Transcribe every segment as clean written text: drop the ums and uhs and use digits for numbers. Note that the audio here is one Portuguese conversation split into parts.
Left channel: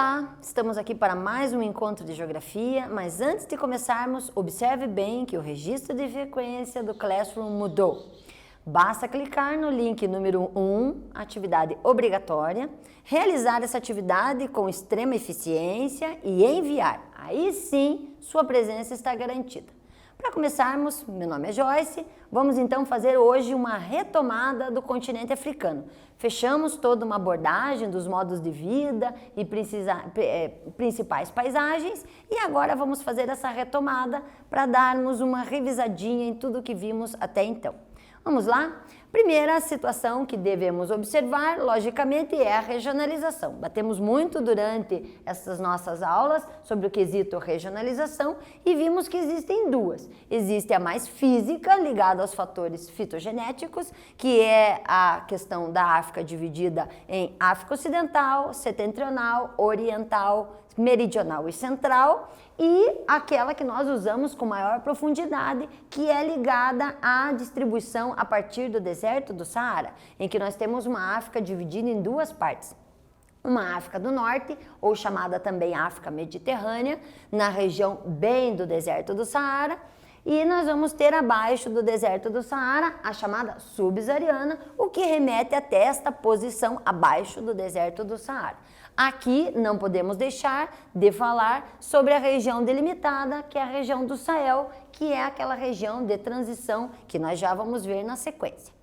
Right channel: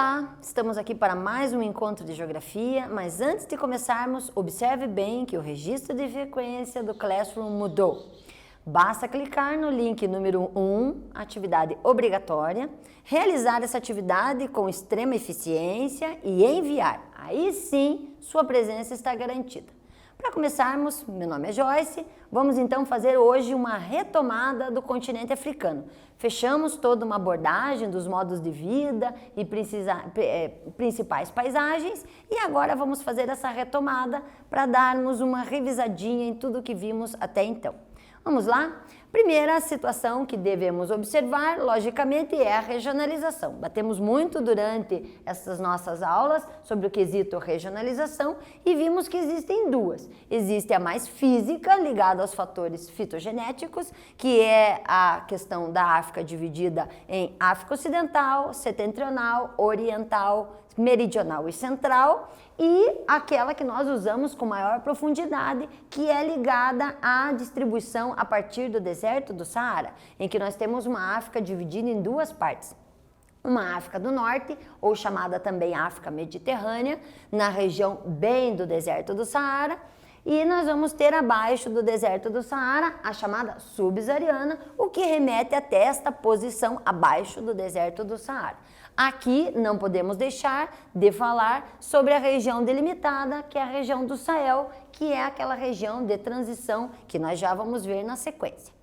Olá, estamos aqui para mais um encontro de geografia, mas antes de começarmos, observe bem que o registro de frequência do Classroom mudou. Basta clicar no link número 1, atividade obrigatória, realizar essa atividade com extrema eficiência e enviar. Aí sim, sua presença está garantida. Para começarmos, meu nome é Joyce, vamos então fazer hoje uma retomada do continente africano. Fechamos toda uma abordagem dos modos de vida e principais paisagens e agora vamos fazer essa retomada para darmos uma revisadinha em tudo que vimos até então. Vamos lá? Primeira situação que devemos observar, logicamente, é a regionalização. Batemos muito durante essas nossas aulas sobre o quesito regionalização e vimos que existem duas. Existe a mais física, ligada aos fatores fitogenéticos, que é a questão da África dividida em África Ocidental, Setentrional, Oriental, Meridional e Central, e aquela que nós usamos com maior profundidade, que é ligada à distribuição a partir do deserto do Saara, em que nós temos uma África dividida em duas partes. Uma África do Norte, ou chamada também África Mediterrânea, na região bem do deserto do Saara, e nós vamos ter abaixo do deserto do Saara a chamada subsaariana, o que remete até esta posição abaixo do deserto do Saara. Aqui não podemos deixar de falar sobre a região delimitada, que é a região do Sahel, que é aquela região de transição que nós já vamos ver na sequência.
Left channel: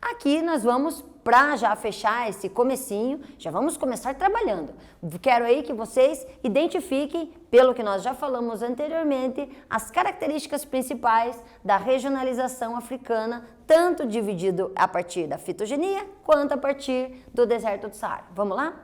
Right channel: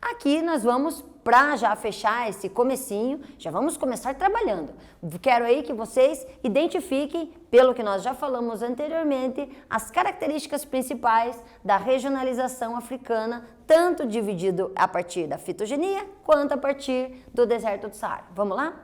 Aqui nós vamos, para já fechar esse comecinho, já vamos começar trabalhando. Quero aí que vocês identifiquem, pelo que nós já falamos anteriormente, as características principais da regionalização africana, tanto dividido a partir da fitogenia, quanto a partir do deserto do Saara. Vamos lá?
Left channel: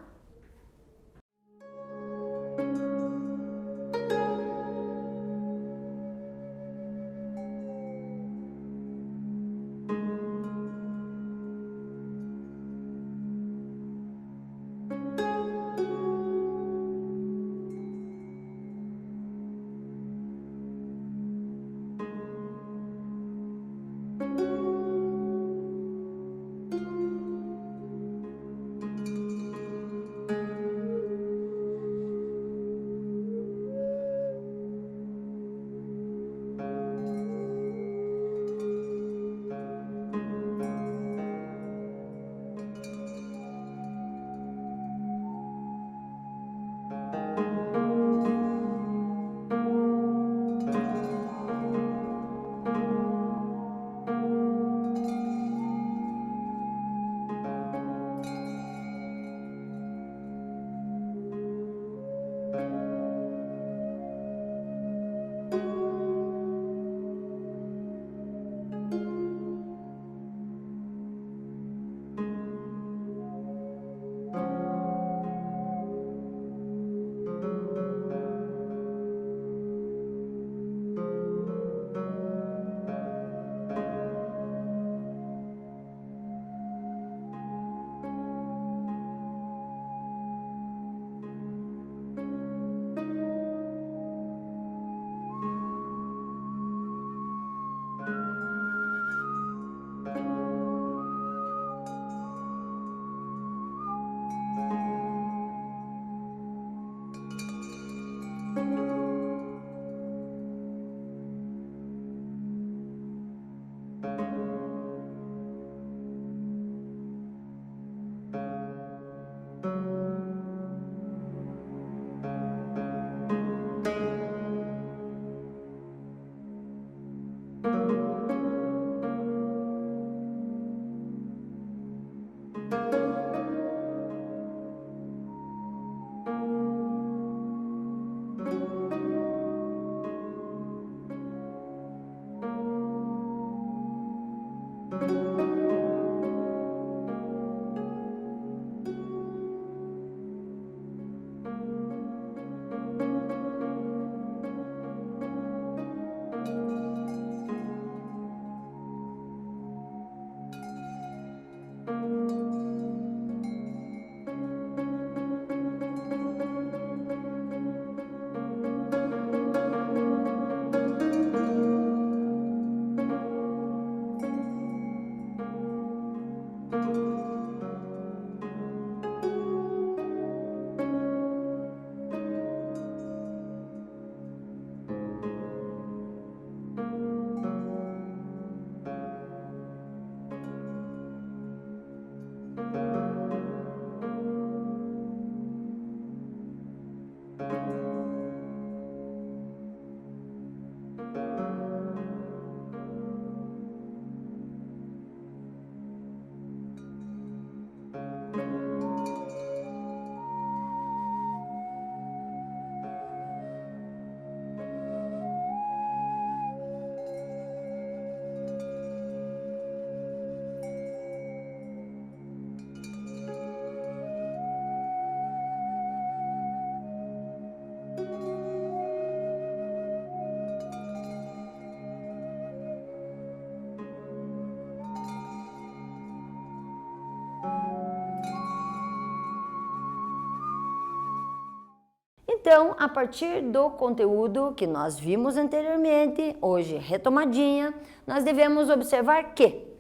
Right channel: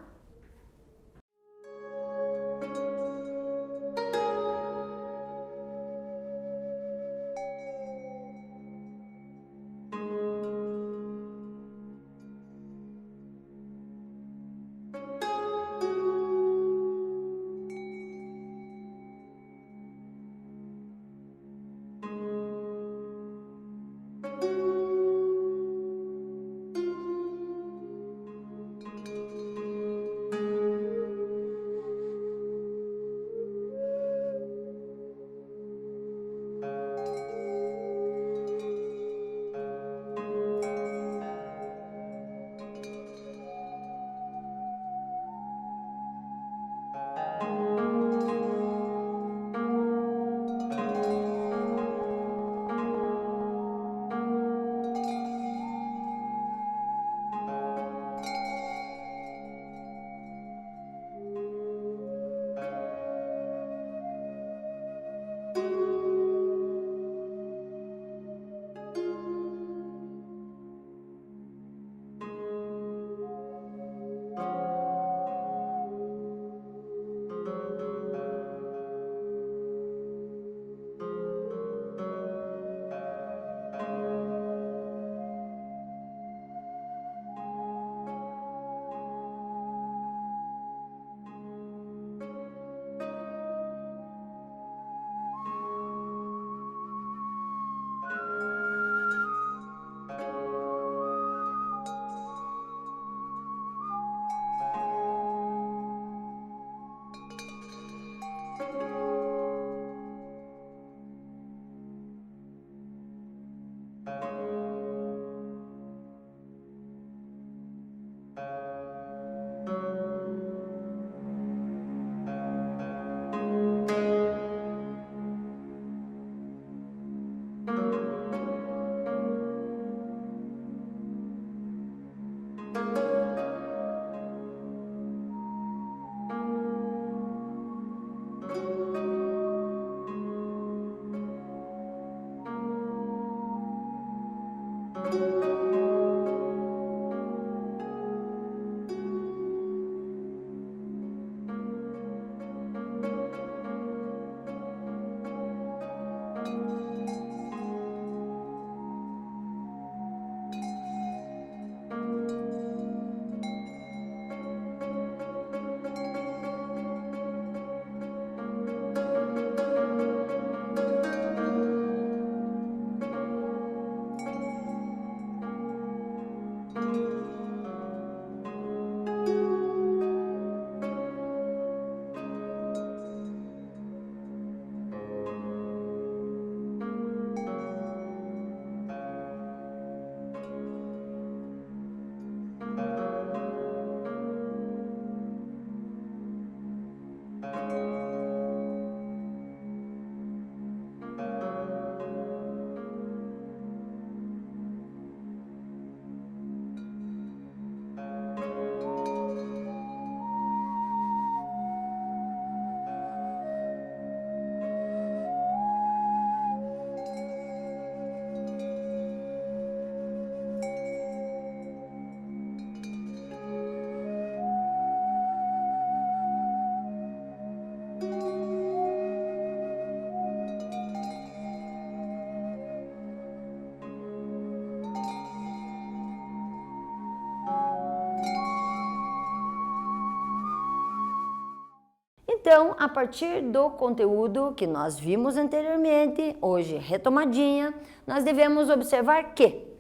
Então, a partir do conteúdo que nós vimos anteriormente, hoje retomadinha, nós devemos observar que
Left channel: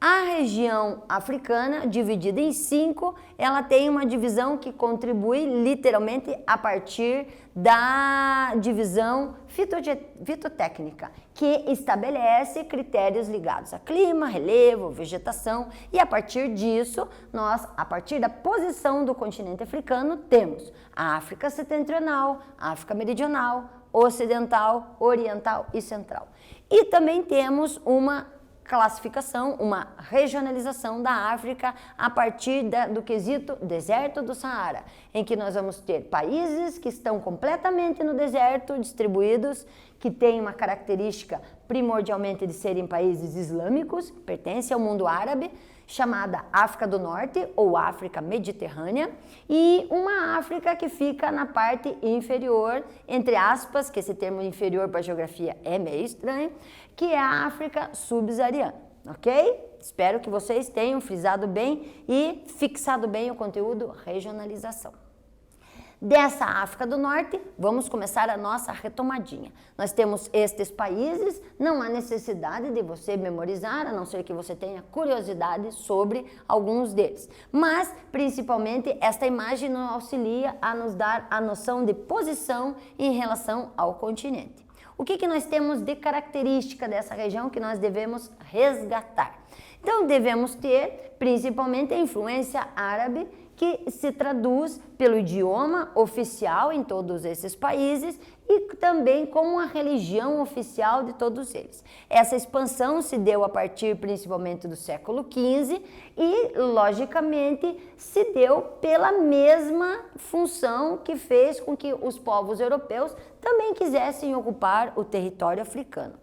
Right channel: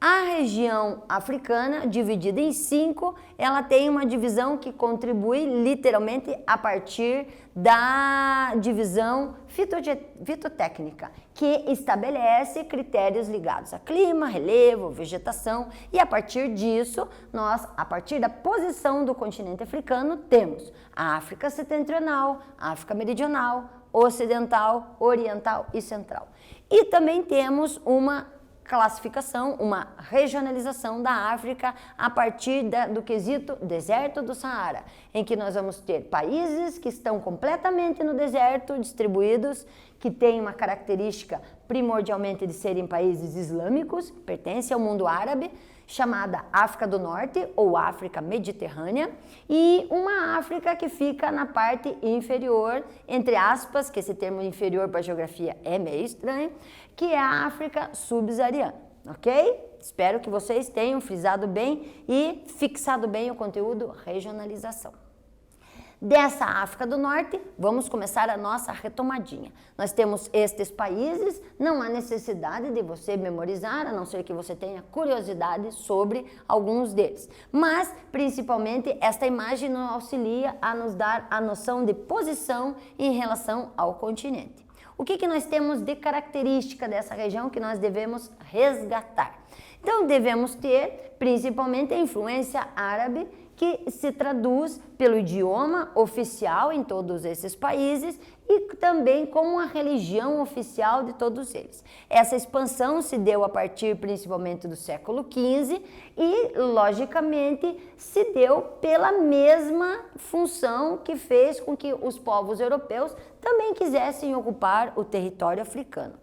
a região africana, dividida em 5, ela tem uma divisão que contribui literalmente a partir da divisão fitotécnica, que estabelece critérios ligados a clima, relevo, vegetação, e a partir disso, a partir da posição do continente africano, temos a África setentrional, a África meridional, ocidental, oriental e central. E também temos uma classificação, uma regionalização da África a partir do quesito deserto do Saara, em que nós vamos ter países que estão completamente no deserto, distribuídos, que têm uma característica primordialmente de serem países islâmicos, pertencem ao mundo árabe, chamada África do Norte ou África Mediterrânea, e uma África que fica na parte inferior, entre aspas, que esse termo inferior para a geografia é meio estranho, que é a África subsaariana, ok? Espero que vocês tenham frisado bem e fixado bem o conteúdo regionalização. Dessa África do Norte, vamos começar a nossa retomadinha. Nós temos estes países, não há necessidade de você memorizar, a não ser que você tenha curiosidade sobre alguns deles. Mas, principalmente, esta imagem nos auxilia a nos dar a noção de posição em relação ao continente. O que nós temos de característica dessa região que nós devemos resgatar? Então, devemos ter, principalmente, a influência árabe, que se traduz pelo idioma oficial em todos esses países e também como a religião oficial de todos eles. Essa expansão se deu a partir principalmente do século XV e, logicamente, se deu pela mesma função que fez com que os povos europeus também quisessem ocupar o território africano.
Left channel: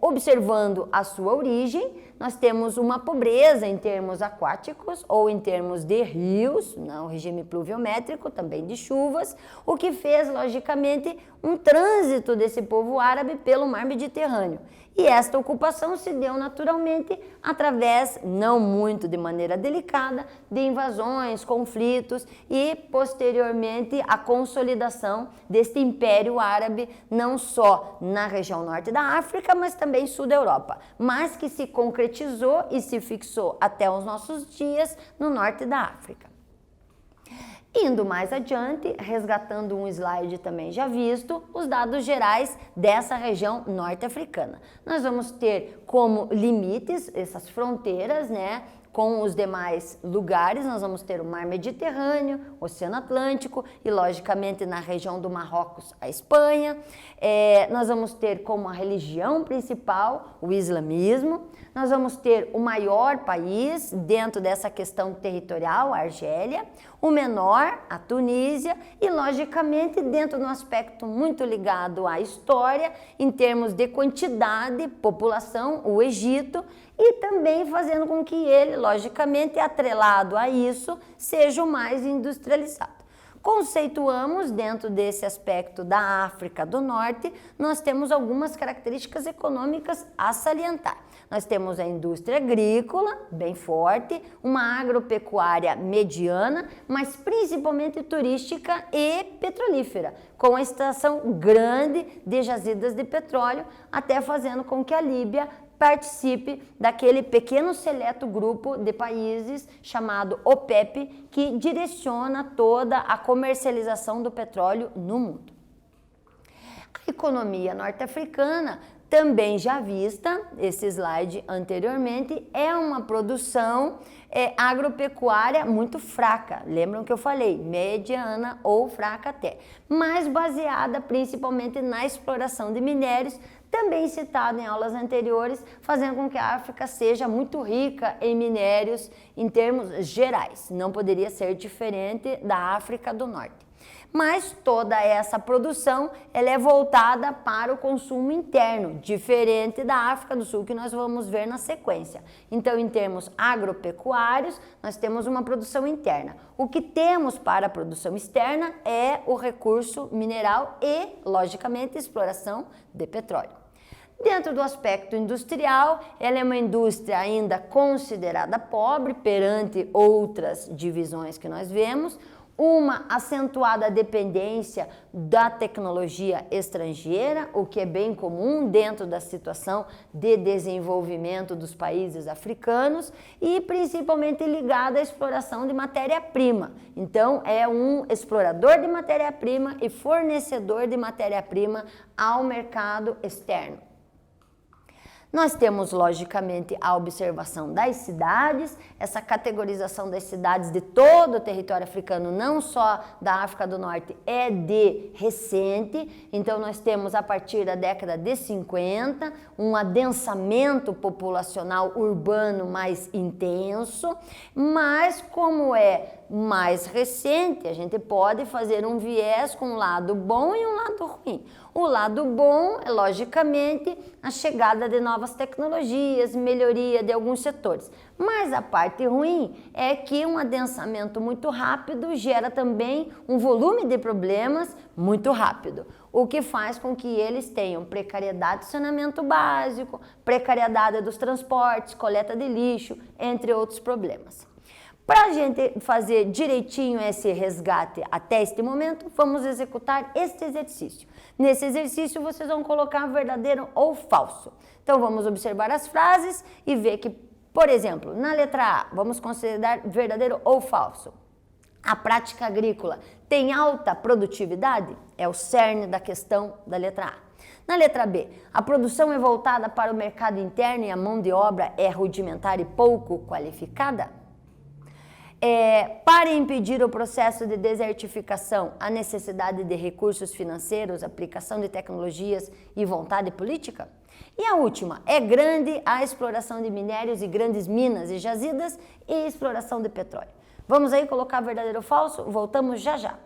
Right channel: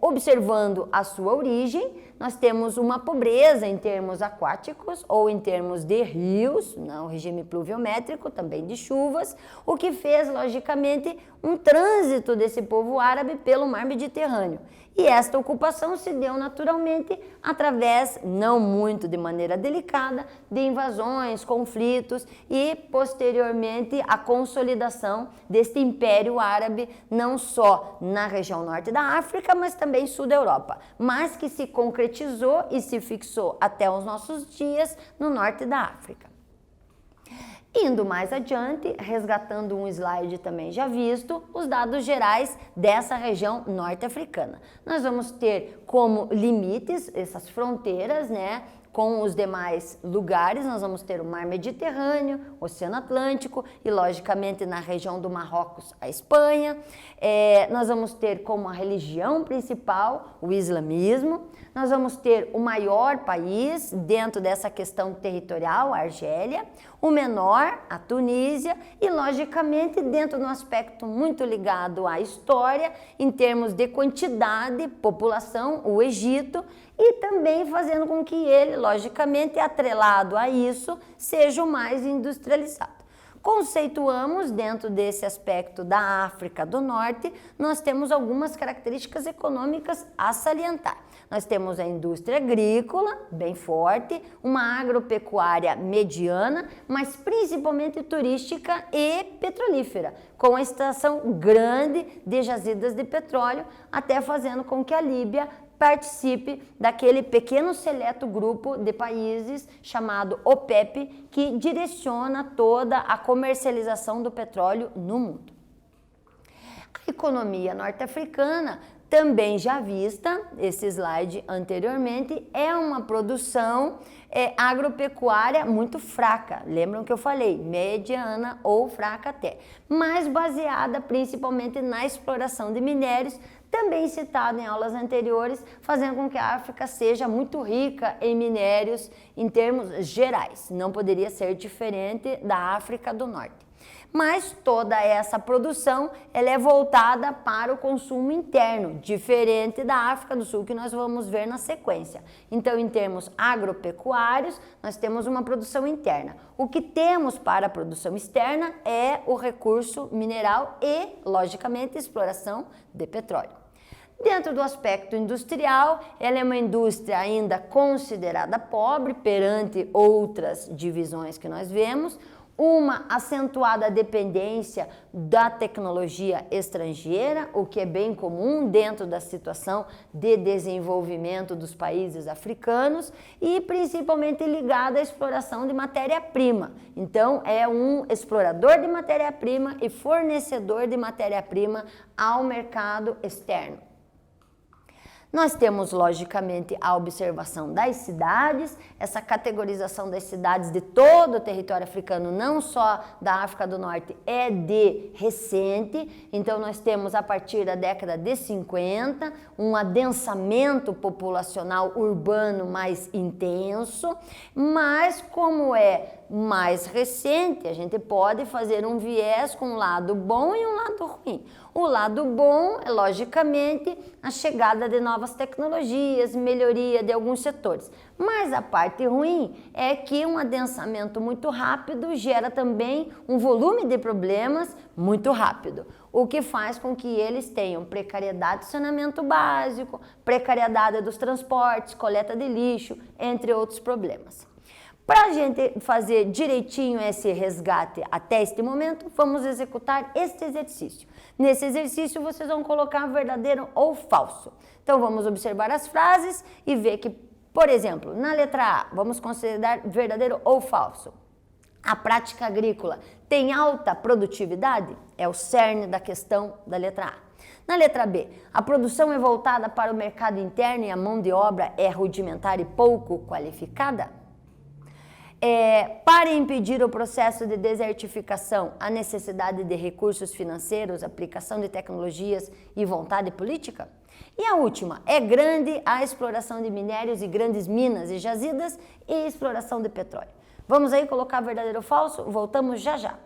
Observando a sua origem, nós temos uma pobreza em termos aquáticos ou em termos de rios, no regime pluviométrico, também de chuvas, o que fez, logicamente, um trânsito desse povo árabe pelo mar Mediterrâneo. E esta ocupação se deu naturalmente através, não muito de maneira delicada, de invasões, conflitos e, posteriormente, a consolidação deste Império Árabe, não só na região norte da África, mas também sul da Europa, mas que se concretizou e se fixou até os nossos dias no norte da África. Indo mais adiante, resgatando um slide também já visto, os dados gerais dessa região norte-africana. Nós vamos ter como limites essas fronteiras, né? Com os demais lugares, nós vamos ter o Mar Mediterrâneo, o Oceano Atlântico e, logicamente, na região do Marrocos, a Espanha. Nós vamos ter como a religião principal o islamismo. Nós vamos ter o maior país dentro dessa questão territorial, a Argélia, o menor, a Tunísia, e, logicamente, dentro de um aspecto muito ligado à história, em termos de quantidade, população, o Egito, e também fazendo com que ele, logicamente, atrelado a isso, seja o mais industrializado. Conceituamos, dentro desse aspecto da África do Norte, nós temos algumas características econômicas a salientar. Nós temos a indústria agrícola, bem forte, uma agropecuária mediana, mas principalmente turística e petrolífera, com a extração grande de jazidas de petróleo, até fazendo com que a Líbia participe daquele pequeno seleto grupo de países chamado OPEP, que direciona toda a comercialização do petróleo no mundo. A economia norte-africana, também já vista, esse slide anteriormente, é uma produção agropecuária muito fraca. Lembram que eu falei? Mediana ou fraca até. Mas baseada principalmente na exploração de minérios, também citado em aulas anteriores, fazendo com que a África seja muito rica em minérios em termos gerais. Não poderia ser diferente da África do Norte. Mas toda essa produção ela é voltada para o consumo interno, diferente da África do Sul, que nós vamos ver na sequência. Então, em termos agropecuários, nós temos uma produção interna. O que temos para a produção externa é o recurso mineral e, logicamente, exploração de petróleo. Dentro do aspecto industrial, ela é uma indústria ainda considerada pobre perante outras divisões que nós vemos, uma acentuada dependência da tecnologia estrangeira, o que é bem comum dentro da situação de desenvolvimento dos países africanos e principalmente ligada à exploração de matéria-prima. Então, é um explorador de matéria-prima e fornecedor de matéria-prima ao mercado externo. Nós temos, logicamente, a observação das cidades, essa categorização das cidades de todo o território africano, não só da África do Norte, é de recente. Então, nós temos, a partir da década de 50, um adensamento populacional urbano mais intenso, mas como é mais recente, a gente pode fazer um viés com um lado bom e um lado ruim. O lado bom é, logicamente, a chegada de novas tecnologias, melhoria de alguns setores. Mas a parte ruim é que um adensamento muito rápido gera também um volume de problemas muito rápido, o que faz com que eles tenham precariedade de saneamento básico, precariedade dos transportes, coleta de lixo, entre outros problemas. Para a gente fazer direitinho esse resgate até este momento, vamos executar este exercício. Nesse exercício, vocês vão colocar verdadeiro ou falso. Então, vamos observar as frases e ver que, por exemplo, na letra A, vamos considerar verdadeiro ou falso. A prática agrícola tem alta produtividade? É o cerne da questão da letra A. Na letra B, a produção é voltada para o mercado interno e a mão de obra é rudimentar e pouco qualificada? Para impedir o processo de desertificação, a necessidade de recursos financeiros, aplicação de tecnologias e vontade política? E a última, é grande a exploração de minérios e grandes minas e jazidas e exploração de petróleo. Vamos aí colocar verdadeiro ou falso? Voltamos já já.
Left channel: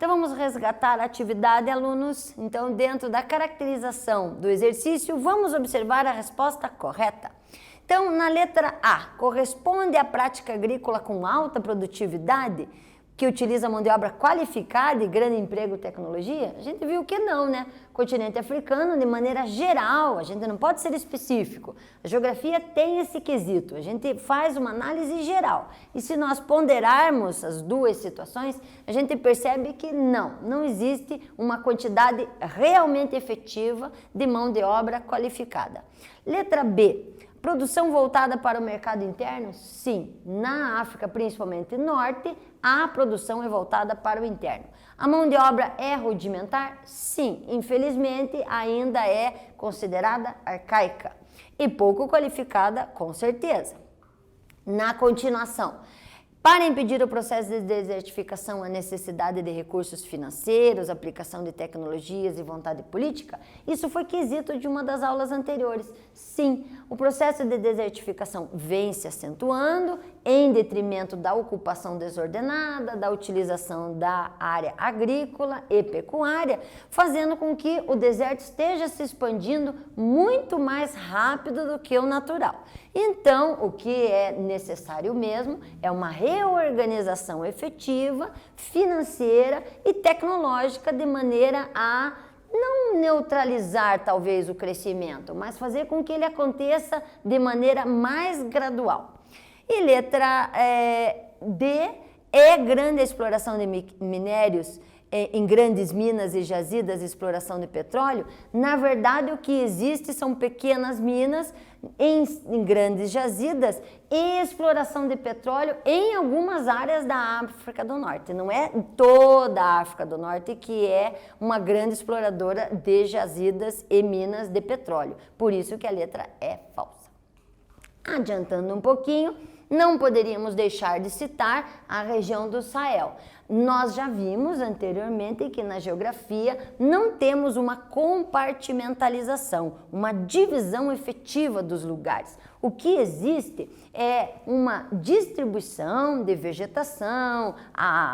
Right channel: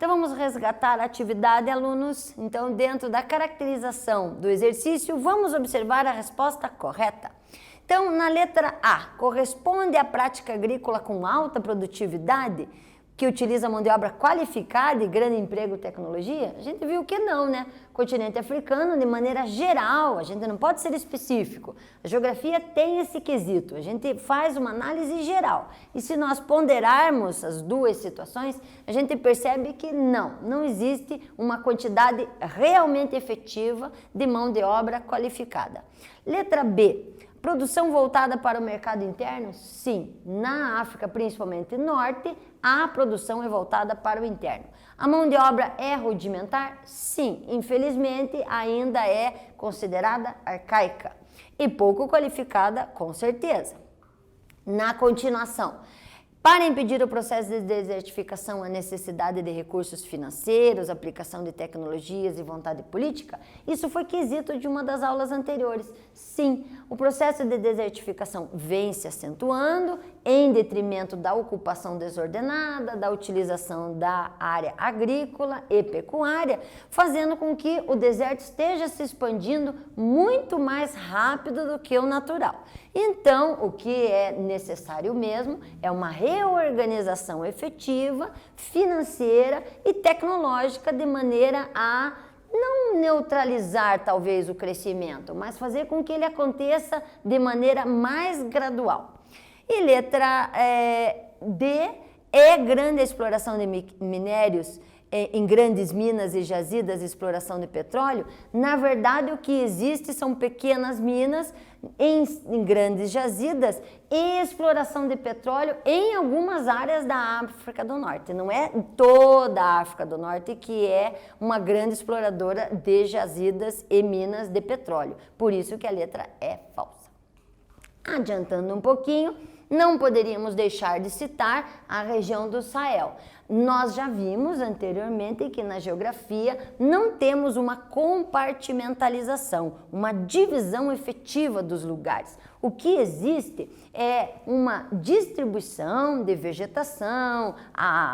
Então vamos resgatar a atividade, alunos. Então, dentro da caracterização do exercício, vamos observar a resposta correta. Então, na letra A, corresponde à prática agrícola com alta produtividade, que utiliza mão de obra qualificada e grande emprego e tecnologia? A gente viu que não, né? Continente africano, de maneira geral, a gente não pode ser específico. A geografia tem esse quesito, a gente faz uma análise geral. E se nós ponderarmos as duas situações, a gente percebe que não existe uma quantidade realmente efetiva de mão de obra qualificada. Letra B. Produção voltada para o mercado interno? Sim. Na África, principalmente norte, a produção é voltada para o interno. A mão de obra é rudimentar? Sim. Infelizmente, ainda é considerada arcaica e pouco qualificada, com certeza. Na continuação, para impedir o processo de desertificação, a necessidade de recursos financeiros, aplicação de tecnologias e vontade política? Isso foi quesito de uma das aulas anteriores. Sim, o processo de desertificação vem se acentuando em detrimento da ocupação desordenada, da utilização da área agrícola e pecuária, fazendo com que o deserto esteja se expandindo muito mais rápido do que o natural. Então, o que é necessário mesmo é uma reorganização efetiva, financeira e tecnológica, de maneira a não neutralizar talvez o crescimento, mas fazer com que ele aconteça de maneira mais gradual. E letra D, é grande a exploração de minérios em grandes minas e jazidas, exploração de petróleo? Na verdade, o que existe são pequenas minas em grandes jazidas e exploração de petróleo em algumas áreas da África do Norte. Não é toda a África do Norte que é uma grande exploradora de jazidas e minas de petróleo. Por isso que a letra é falsa. Adiantando um pouquinho, não poderíamos deixar de citar a região do Sahel. Nós já vimos anteriormente que na geografia não temos uma compartimentalização, uma divisão efetiva dos lugares. O que existe é uma distribuição de vegetação,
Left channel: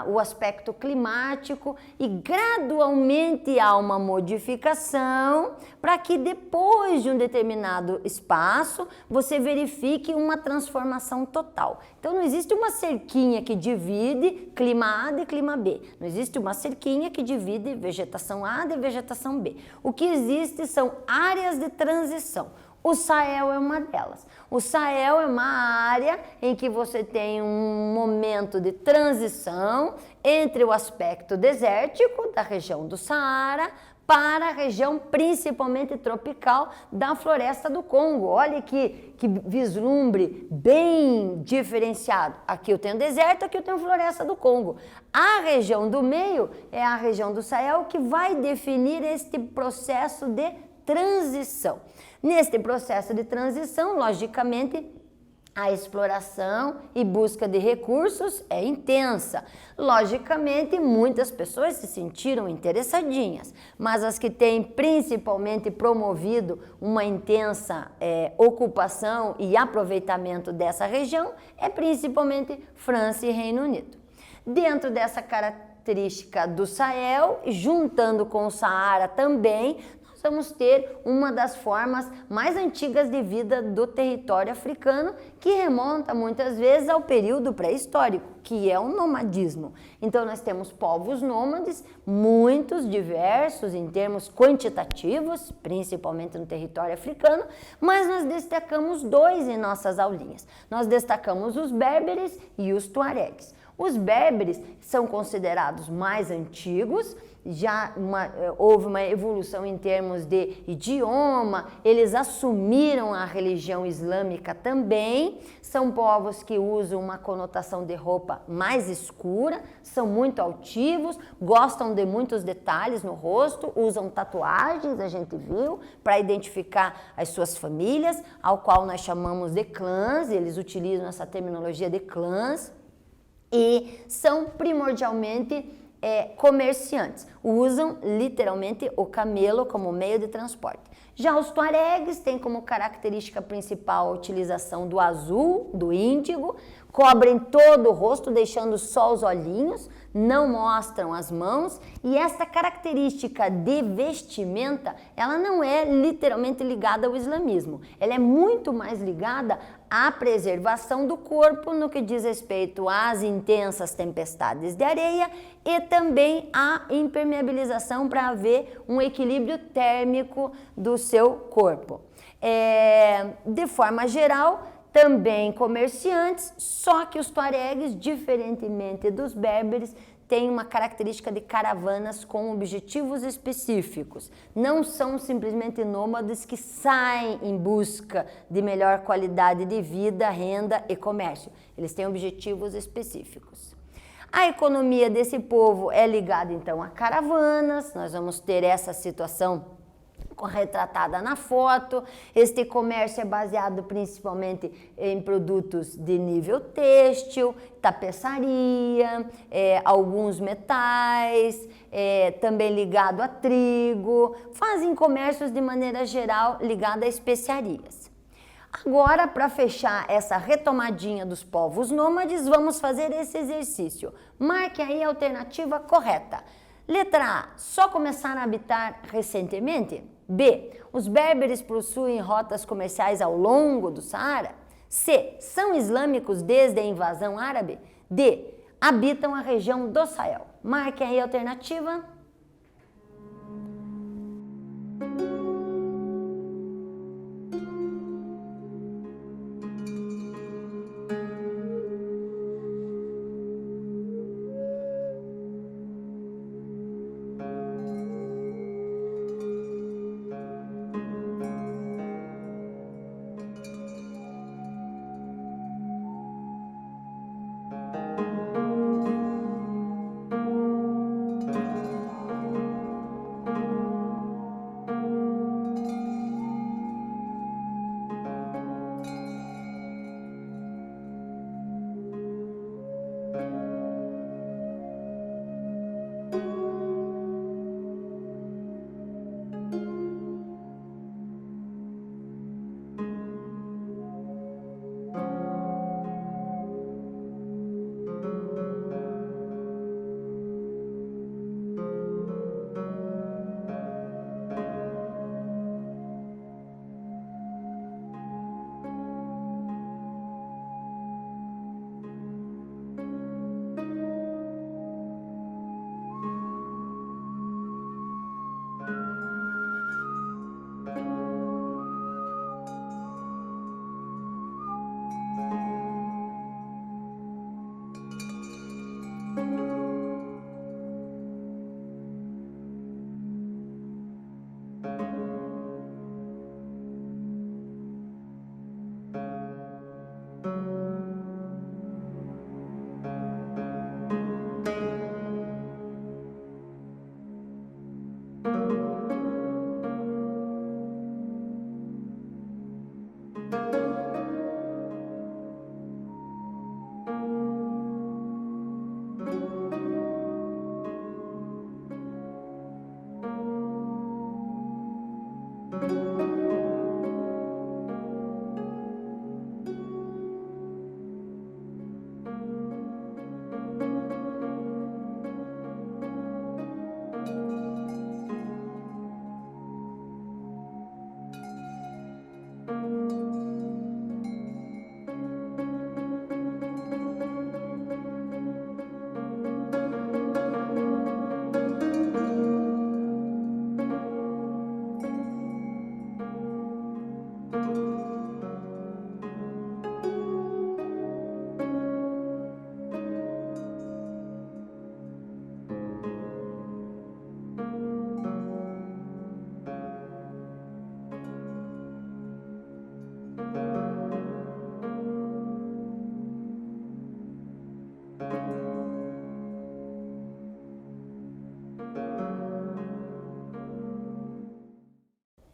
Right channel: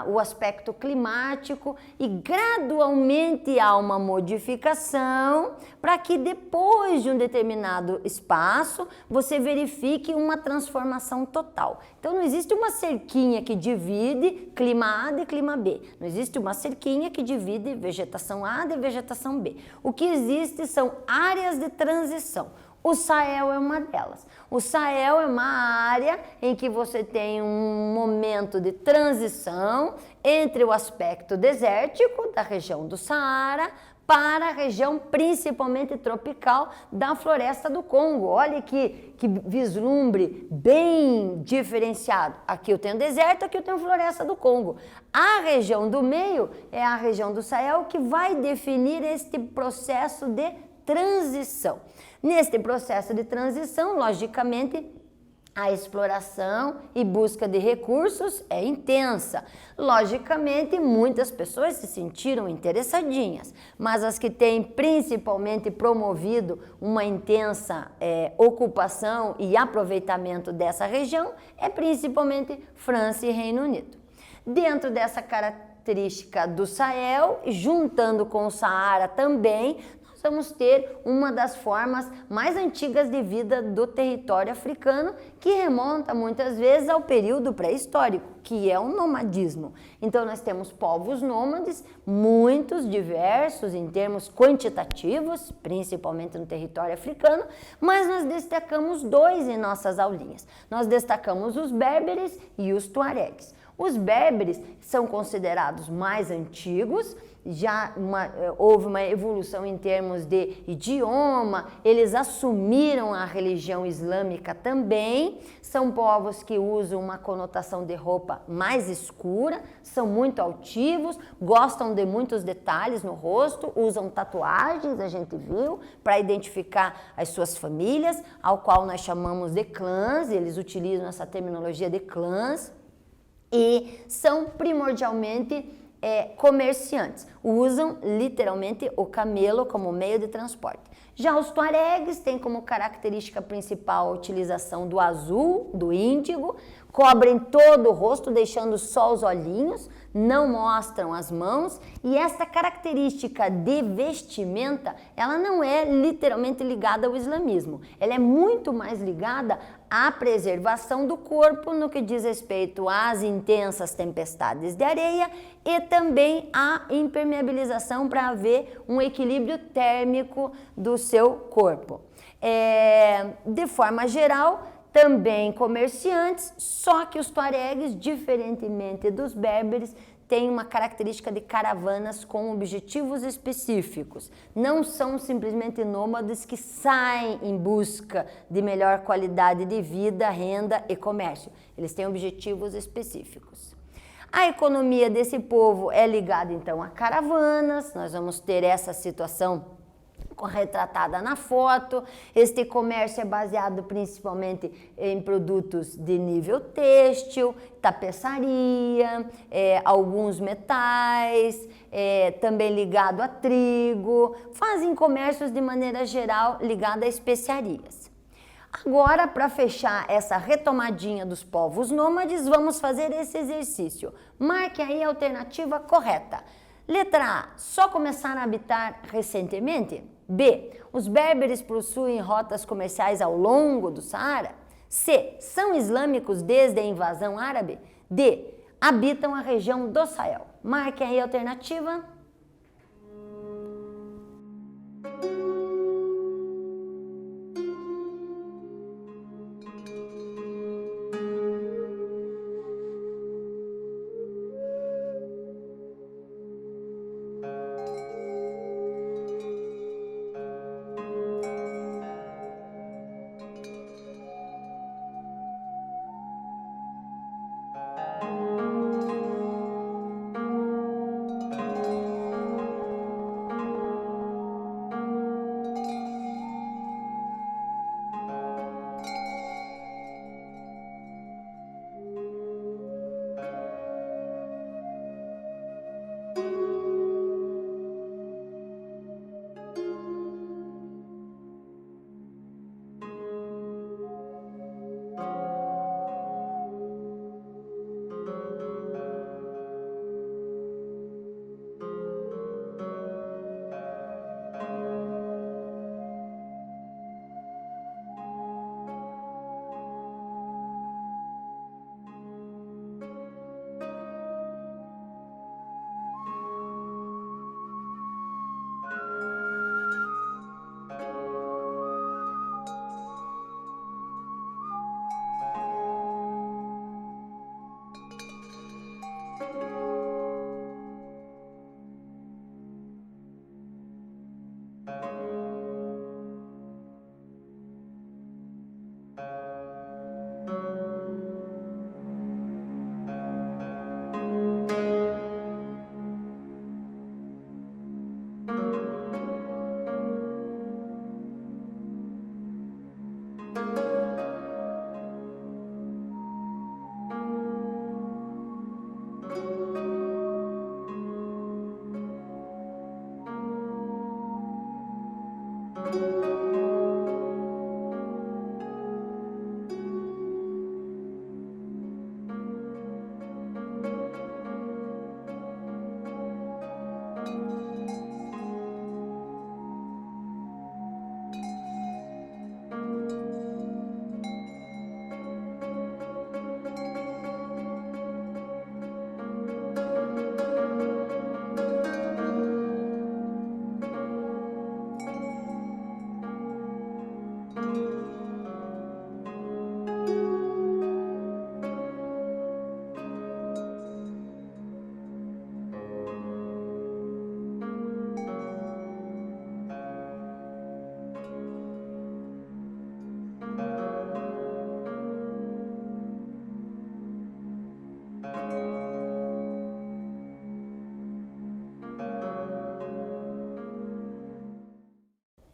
o aspecto climático, e gradualmente há uma modificação para que depois de um determinado espaço você verifique uma transformação total. Então não existe uma cerquinha que divide clima A de clima B. Não existe uma cerquinha que divide vegetação A de vegetação B. O que existe são áreas de transição. O Sahel é uma delas. O Sahel é uma área em que você tem um momento de transição entre o aspecto desértico da região do Saara para a região principalmente tropical da floresta do Congo. Olha que vislumbre bem diferenciado. Aqui eu tenho deserto, aqui eu tenho floresta do Congo. A região do meio é a região do Sahel, que vai definir este processo de transição. Neste processo de transição, logicamente, a exploração e busca de recursos é intensa. Logicamente, muitas pessoas se sentiram interessadinhas, mas as que têm principalmente promovido uma intensa ocupação e aproveitamento dessa região é principalmente França e Reino Unido. Dentro dessa característica do Sahel, juntando com o Saara também, vamos ter uma das formas mais antigas de vida do território africano, que remonta muitas vezes ao período pré-histórico, que é o nomadismo. Então nós temos povos nômades, muitos, diversos em termos quantitativos, principalmente no território africano, mas nós destacamos dois em nossas aulinhas. Nós destacamos os berberes e os tuaregues. Os berberes são considerados mais antigos, já houve uma evolução em termos de idioma, eles assumiram a religião islâmica também, são povos que usam uma conotação de roupa mais escura, são muito altivos, gostam de muitos detalhes no rosto, usam tatuagens, a gente viu, para identificar as suas famílias, ao qual nós chamamos de clãs, eles utilizam essa terminologia de clãs, e são primordialmente comerciantes, usam literalmente o camelo como meio de transporte. Já os tuaregues têm como característica principal a utilização do azul, do índigo, cobrem todo o rosto, deixando só os olhinhos, não mostram as mãos, e esta característica de vestimenta, ela não é literalmente ligada ao islamismo, ela é muito mais ligada à preservação do corpo no que diz respeito às intensas tempestades de areia e também à impermeabilização para haver um equilíbrio térmico do seu corpo. De forma geral, também comerciantes, só que os tuaregues, diferentemente dos berberes, têm uma característica de caravanas com objetivos específicos. Não são simplesmente nômades que saem em busca de melhor qualidade de vida, renda e comércio. Eles têm objetivos específicos. A economia desse povo é ligada então a caravanas, nós vamos ter essa situação retratada na foto. Este comércio é baseado principalmente em produtos de nível têxtil, tapeçaria, alguns metais, também ligado a trigo, fazem comércios de maneira geral ligado a especiarias. Agora, para fechar essa retomadinha dos povos nômades, vamos fazer esse exercício. Marque aí a alternativa correta. Letra A, só começaram a habitar recentemente? B, os berberes possuem rotas comerciais ao longo do Saara? C, são islâmicos desde a invasão árabe? D, habitam a região do Sahel. Marque aí a alternativa.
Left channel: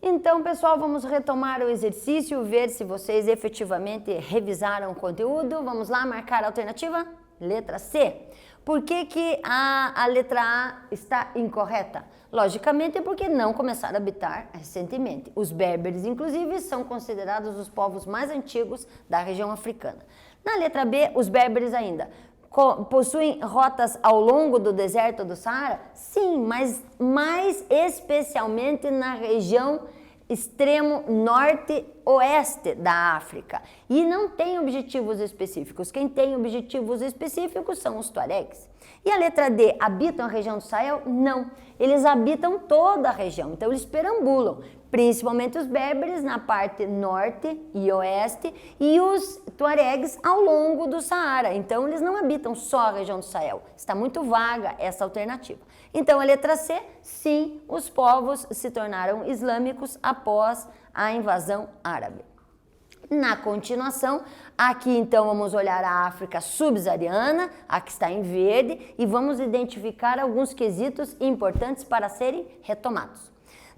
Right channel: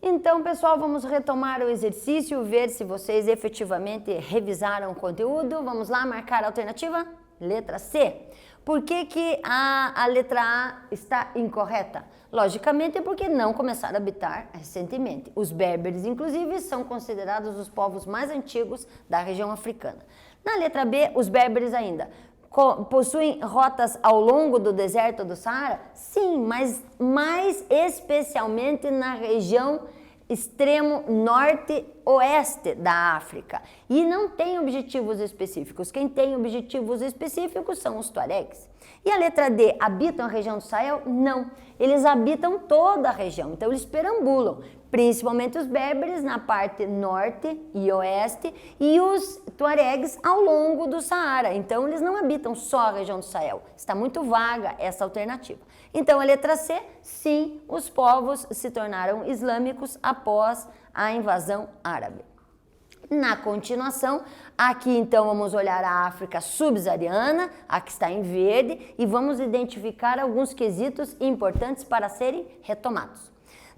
Então, pessoal, vamos retomar o exercício, ver se vocês efetivamente revisaram o conteúdo. Vamos lá, marcar a alternativa? Letra C. Por que que a letra A está incorreta? Logicamente, porque não começaram a habitar recentemente. Os berberes, inclusive, são considerados os povos mais antigos da região africana. Na letra B, os berberes ainda possuem rotas ao longo do deserto do Saara? Sim, mas mais especialmente na região extremo norte-oeste da África. E não tem objetivos específicos. Quem tem objetivos específicos são os tuaregs. E a letra D, habitam a região do Sahel? Não. Eles habitam toda a região, então eles perambulam, principalmente os berberes na parte norte e oeste e os tuaregs ao longo do Saara. Então eles não habitam só a região do Sahel. Está muito vaga essa alternativa. Então a letra C, sim, os povos se tornaram islâmicos após a invasão árabe. Na continuação, aqui então vamos olhar a África subsaariana, a que está em verde, e vamos identificar alguns quesitos importantes para serem retomados.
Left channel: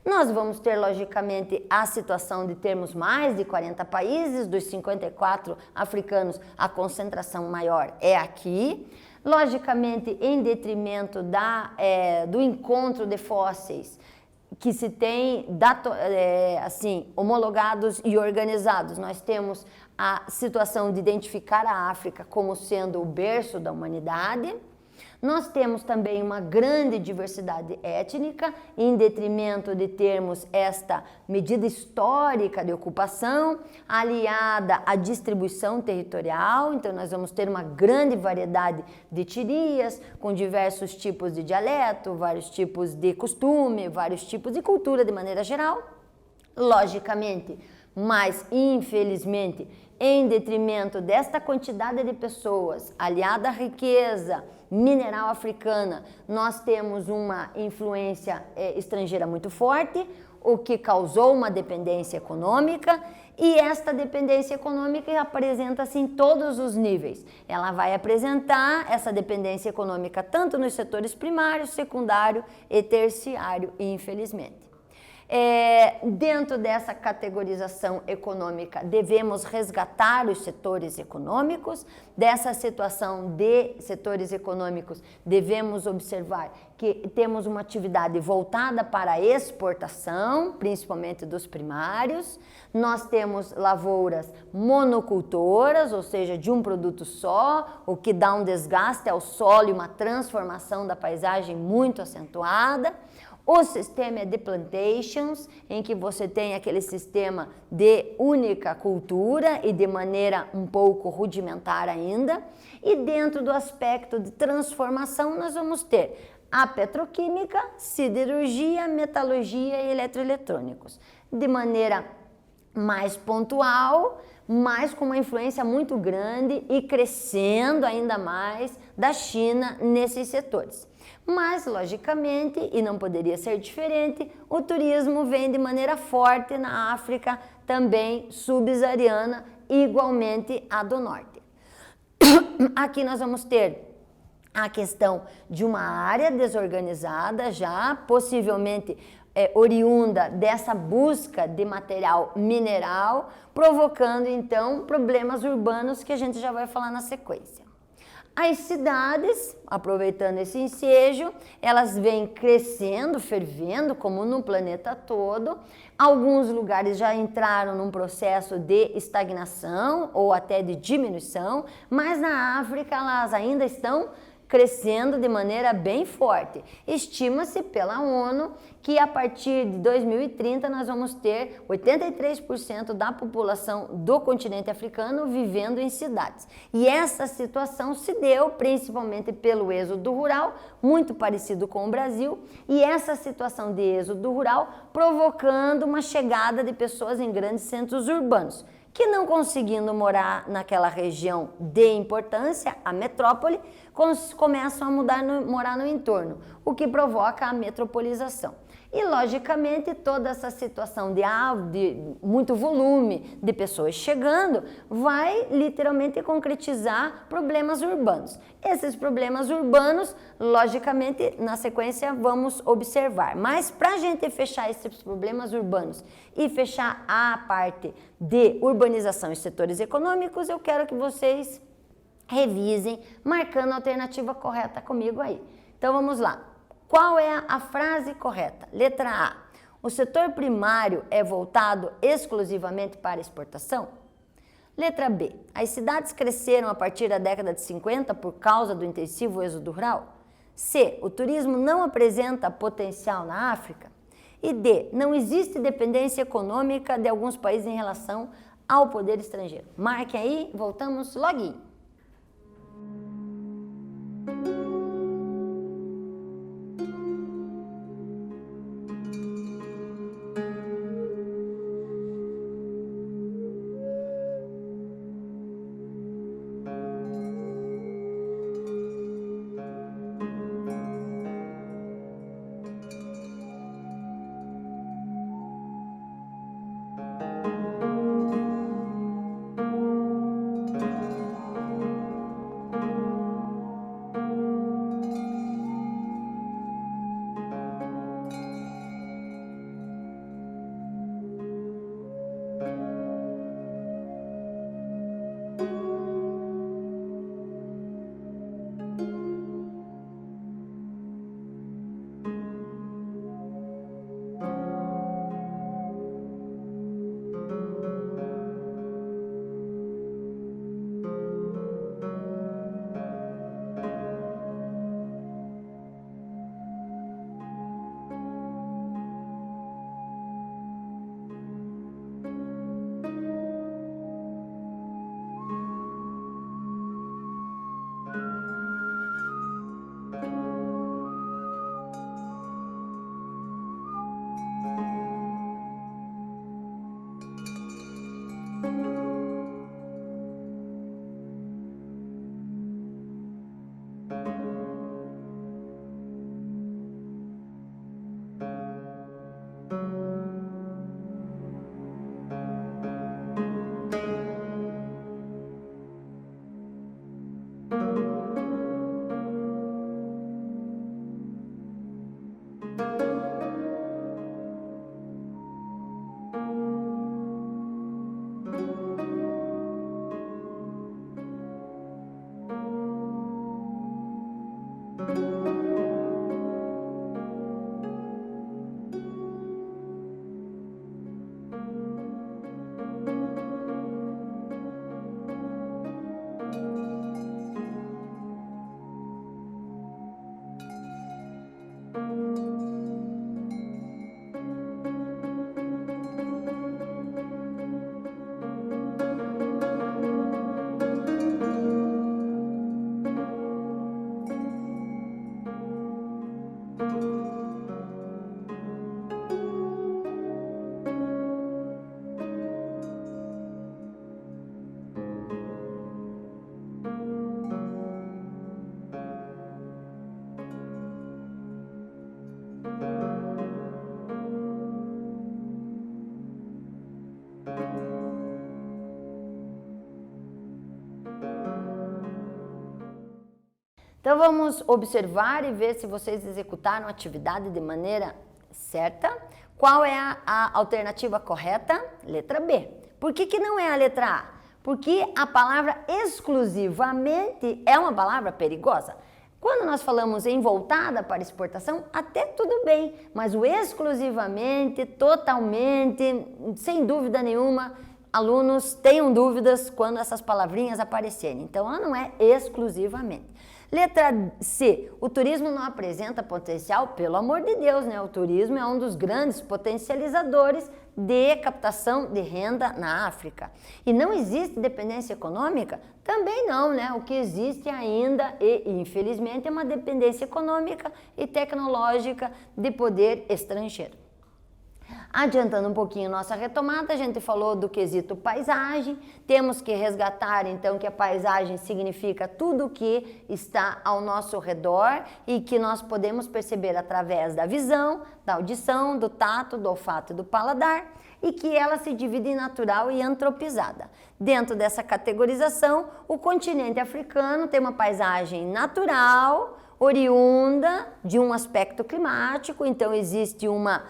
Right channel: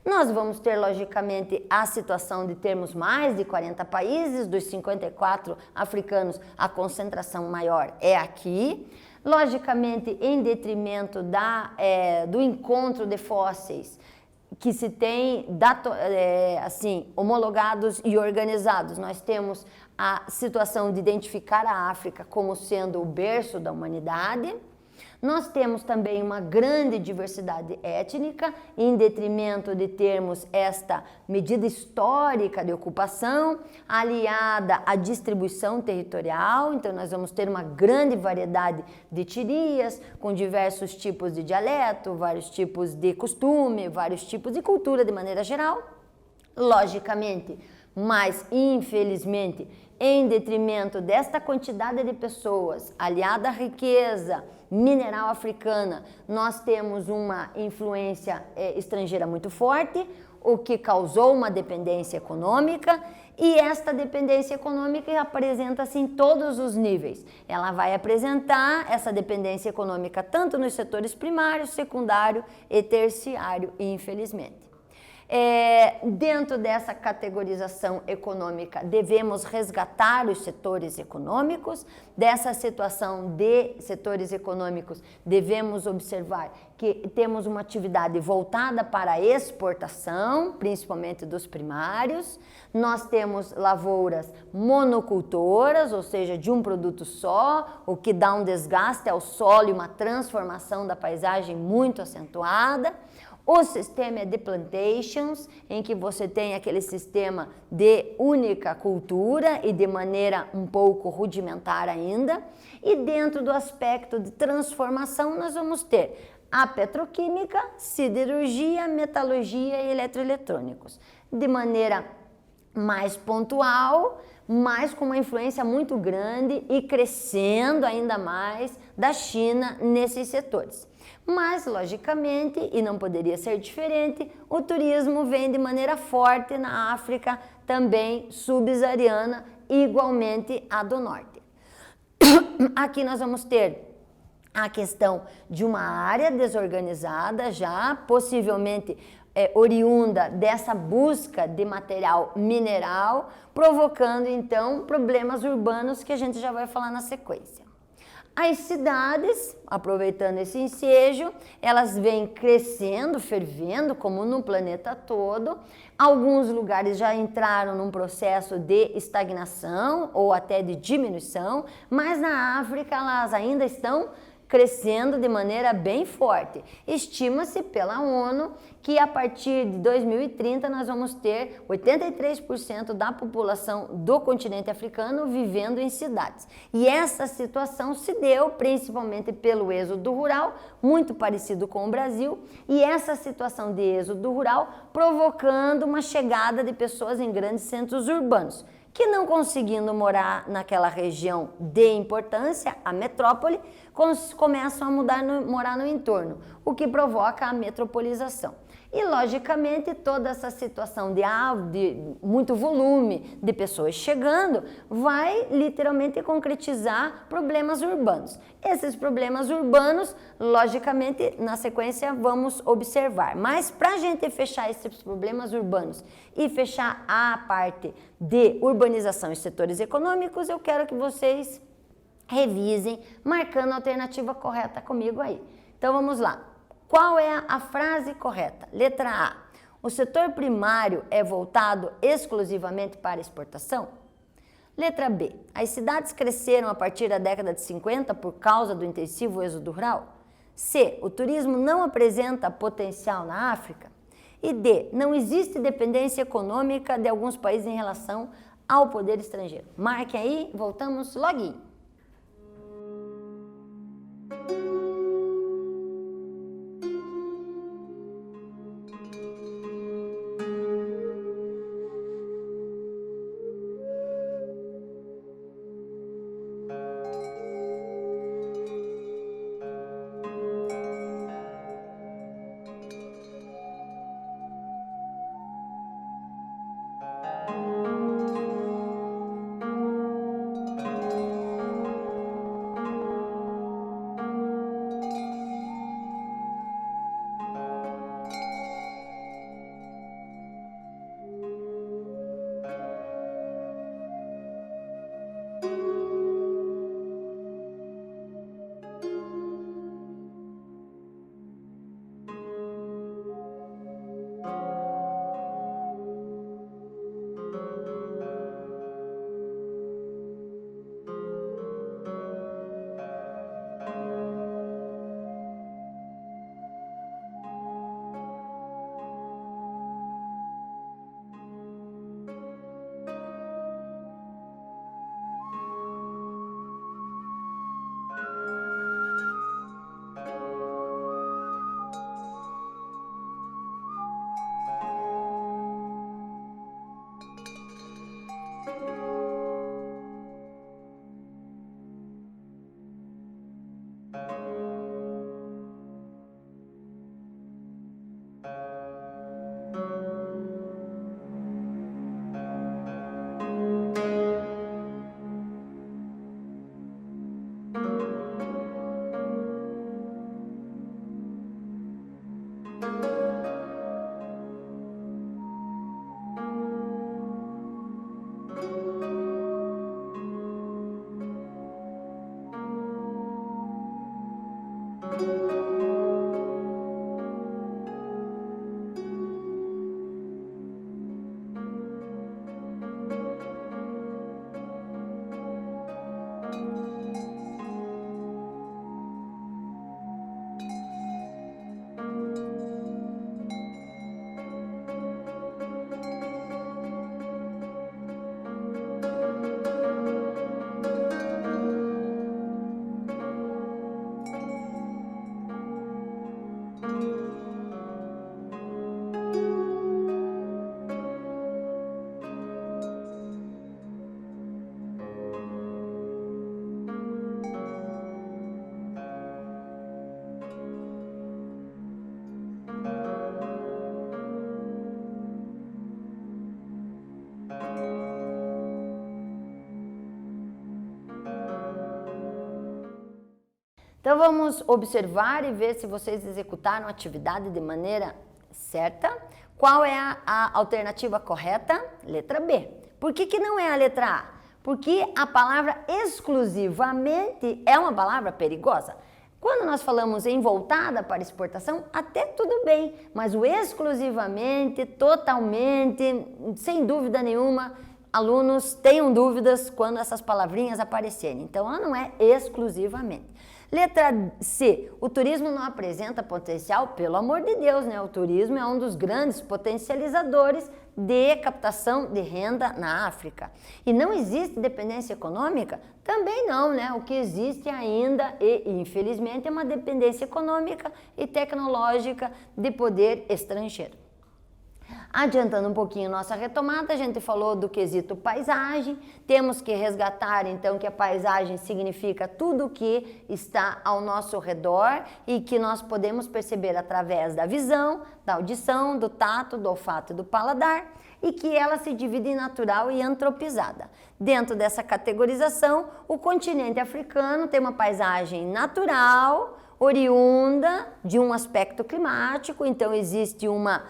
Nós vamos ter, logicamente, a situação de termos mais de 40 países, dos 54 africanos, a concentração maior é aqui. Logicamente, em detrimento do encontro de fósseis, que se tem assim, homologados e organizados. Nós temos a situação de identificar a África como sendo o berço da humanidade. Nós temos também uma grande diversidade étnica, em detrimento de termos esta medida histórica de ocupação, aliada à distribuição territorial. Então, nós vamos ter uma grande variedade de etnias, com diversos tipos de dialeto, vários tipos de costume, vários tipos de cultura de maneira geral. Logicamente, mas infelizmente, em detrimento desta quantidade de pessoas, aliada à riqueza mineral africana, nós temos uma influência estrangeira muito forte, o que causou uma dependência econômica, e esta dependência econômica apresenta-se em todos os níveis. Ela vai apresentar essa dependência econômica tanto nos setores primário, secundário e terciário, infelizmente. Dentro dessa categorização econômica, devemos resgatar os setores econômicos. Dessa situação de setores econômicos, devemos observar que temos uma atividade voltada para a exportação, principalmente dos primários. Nós temos lavouras monocultoras, ou seja, de um produto só, o que dá um desgaste ao solo e uma transformação da paisagem muito acentuada. O sistema é de plantations, em que você tem aquele sistema de única cultura e de maneira um pouco rudimentar ainda. E dentro do aspecto de transformação, nós vamos ter a petroquímica, siderurgia, metalurgia e eletroeletrônicos. De maneira mais pontual, mas com uma influência muito grande e crescendo ainda mais da China nesses setores. Mas, logicamente, e não poderia ser diferente, o turismo vem de maneira forte na África, também subsaariana, igualmente a do norte. Aqui nós vamos ter a questão de uma área desorganizada já, possivelmente oriunda dessa busca de material mineral, provocando então problemas urbanos que a gente já vai falar na sequência. As cidades, aproveitando esse ensejo, elas vêm crescendo, fervendo, como no planeta todo. Alguns lugares já entraram num processo de estagnação ou até de diminuição, mas na África elas ainda estão crescendo de maneira bem forte. Estima-se pela ONU que a partir de 2030 nós vamos ter 83% da população do continente africano vivendo em cidades. E essa situação se deu principalmente pelo êxodo rural, muito parecido com o Brasil, e essa situação de êxodo rural provocando uma chegada de pessoas em grandes centros urbanos, que não conseguindo morar naquela região de importância, a metrópole, começam a morar no entorno, o que provoca a metropolização. E, logicamente, toda essa situação de muito volume de pessoas chegando vai literalmente concretizar problemas urbanos. Esses problemas urbanos, logicamente, na sequência vamos observar. Mas para a gente fechar esses problemas urbanos e fechar a parte de urbanização e setores econômicos, eu quero que vocês revisem, marcando a alternativa correta comigo aí. Então vamos lá. Qual é a frase correta? Letra A. O setor primário é voltado exclusivamente para exportação? Letra B. As cidades cresceram a partir da década de 50 por causa do intensivo êxodo rural? C. O turismo não apresenta potencial na África? E D. Não existe dependência econômica de alguns países em relação ao poder estrangeiro? Marquem aí, voltamos logo. Então vamos observar e ver se vocês executaram a atividade de maneira certa. Qual é a alternativa correta? Letra B. Por que não é a letra A? Porque a palavra exclusivamente é uma palavra perigosa. Quando nós falamos em voltada para exportação, até tudo bem, mas o exclusivamente, totalmente, sem dúvida nenhuma, alunos tenham dúvidas quando essas palavrinhas aparecerem. Então, ela não é exclusivamente. Letra C, o turismo não apresenta potencial, pelo amor de Deus, né? O turismo é um dos grandes potencializadores de captação de renda na África. E não existe dependência econômica? Também não, né? O que existe ainda, e infelizmente, é uma dependência econômica e tecnológica de poder estrangeiro. Adiantando um pouquinho nossa retomada, a gente falou do quesito paisagem, temos que resgatar então que a paisagem significa tudo o que está ao nosso redor e que nós podemos perceber através da visão, da audição, do tato, do olfato e do paladar, e que ela se divide em natural e antropizada. Dentro dessa categorização, o continente africano tem uma paisagem natural, oriunda de um aspecto climático, então existe uma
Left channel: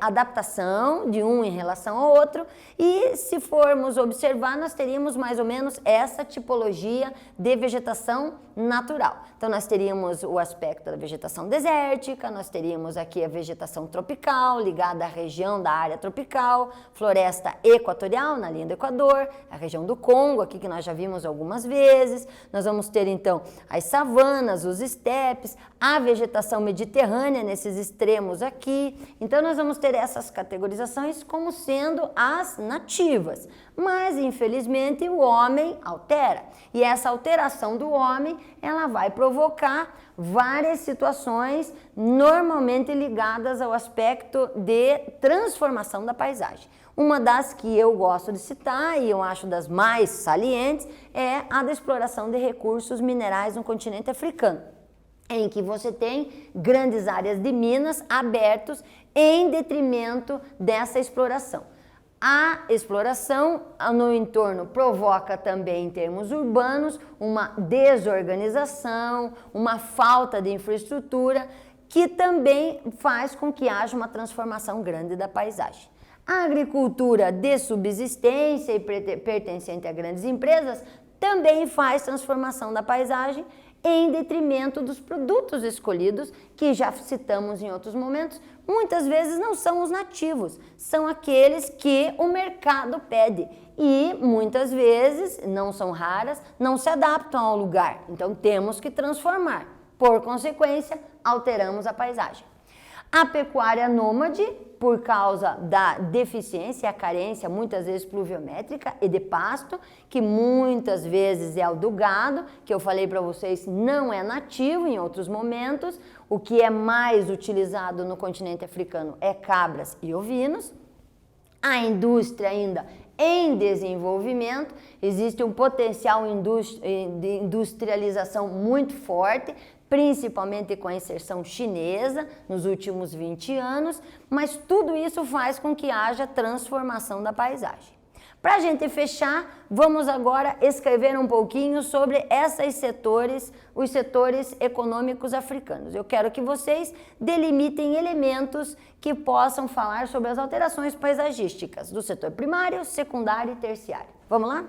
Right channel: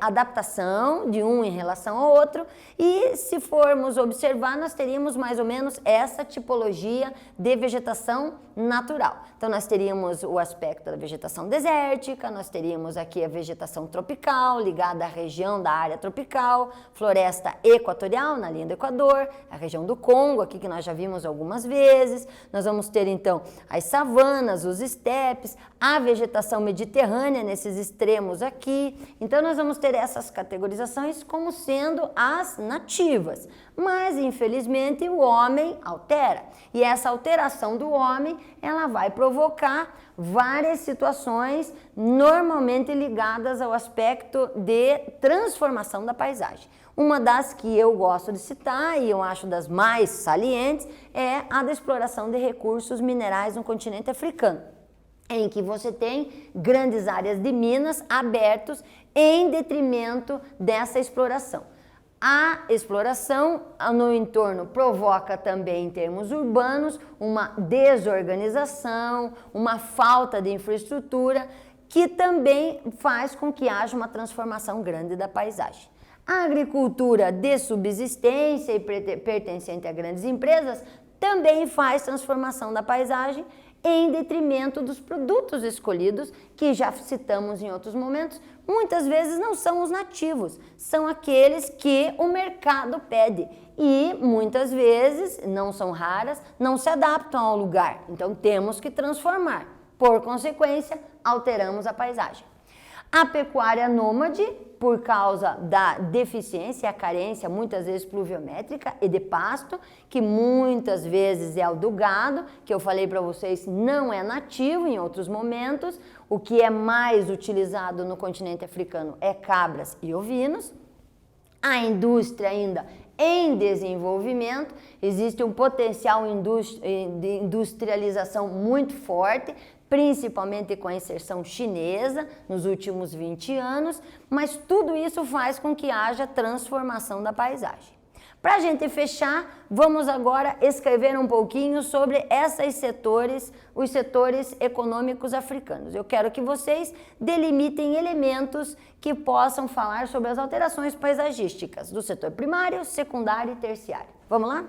adaptação de um em relação ao outro, e se formos observar, nós teríamos mais ou menos essa tipologia de vegetação natural. Então nós teríamos o aspecto da vegetação desértica, nós teríamos aqui a vegetação tropical, ligada à região da área tropical, floresta equatorial, na linha do Equador, a região do Congo, aqui que nós já vimos algumas vezes. Nós vamos ter então as savanas, os estepes, a vegetação mediterrânea nesses extremos aqui. Então nós vamos ter essas categorizações como sendo as nativas. Mas infelizmente o homem altera. E essa alteração do homem, ela vai provocar várias situações normalmente ligadas ao aspecto de transformação da paisagem. Uma das que eu gosto de citar, e eu acho das mais salientes, é a da exploração de recursos minerais no continente africano, em que você tem grandes áreas de minas abertos em detrimento dessa exploração. A exploração no entorno provoca também, em termos urbanos, uma desorganização, uma falta de infraestrutura, que também faz com que haja uma transformação grande da paisagem. A agricultura de subsistência e pertencente a grandes empresas também faz transformação da paisagem em detrimento dos produtos escolhidos, que já citamos em outros momentos, muitas vezes não são os nativos, são aqueles que o mercado pede e muitas vezes, não são raras, não se adaptam ao lugar, então temos que transformar. Por consequência, alteramos a paisagem. A pecuária nômade, por causa da deficiência e a carência, muitas vezes pluviométrica e de pasto, que muitas vezes é o do gado, que eu falei para vocês não é nativo em outros momentos. O que é mais utilizado no continente africano é cabras e ovinos. A indústria ainda em desenvolvimento, existe um potencial de industrialização muito forte, principalmente com a inserção chinesa nos últimos 20 anos, mas tudo isso faz com que haja transformação da paisagem. Para a gente fechar, vamos agora escrever um pouquinho sobre os setores econômicos africanos. Eu quero que vocês delimitem elementos que possam falar sobre as alterações paisagísticas do setor primário, secundário e terciário. Vamos lá?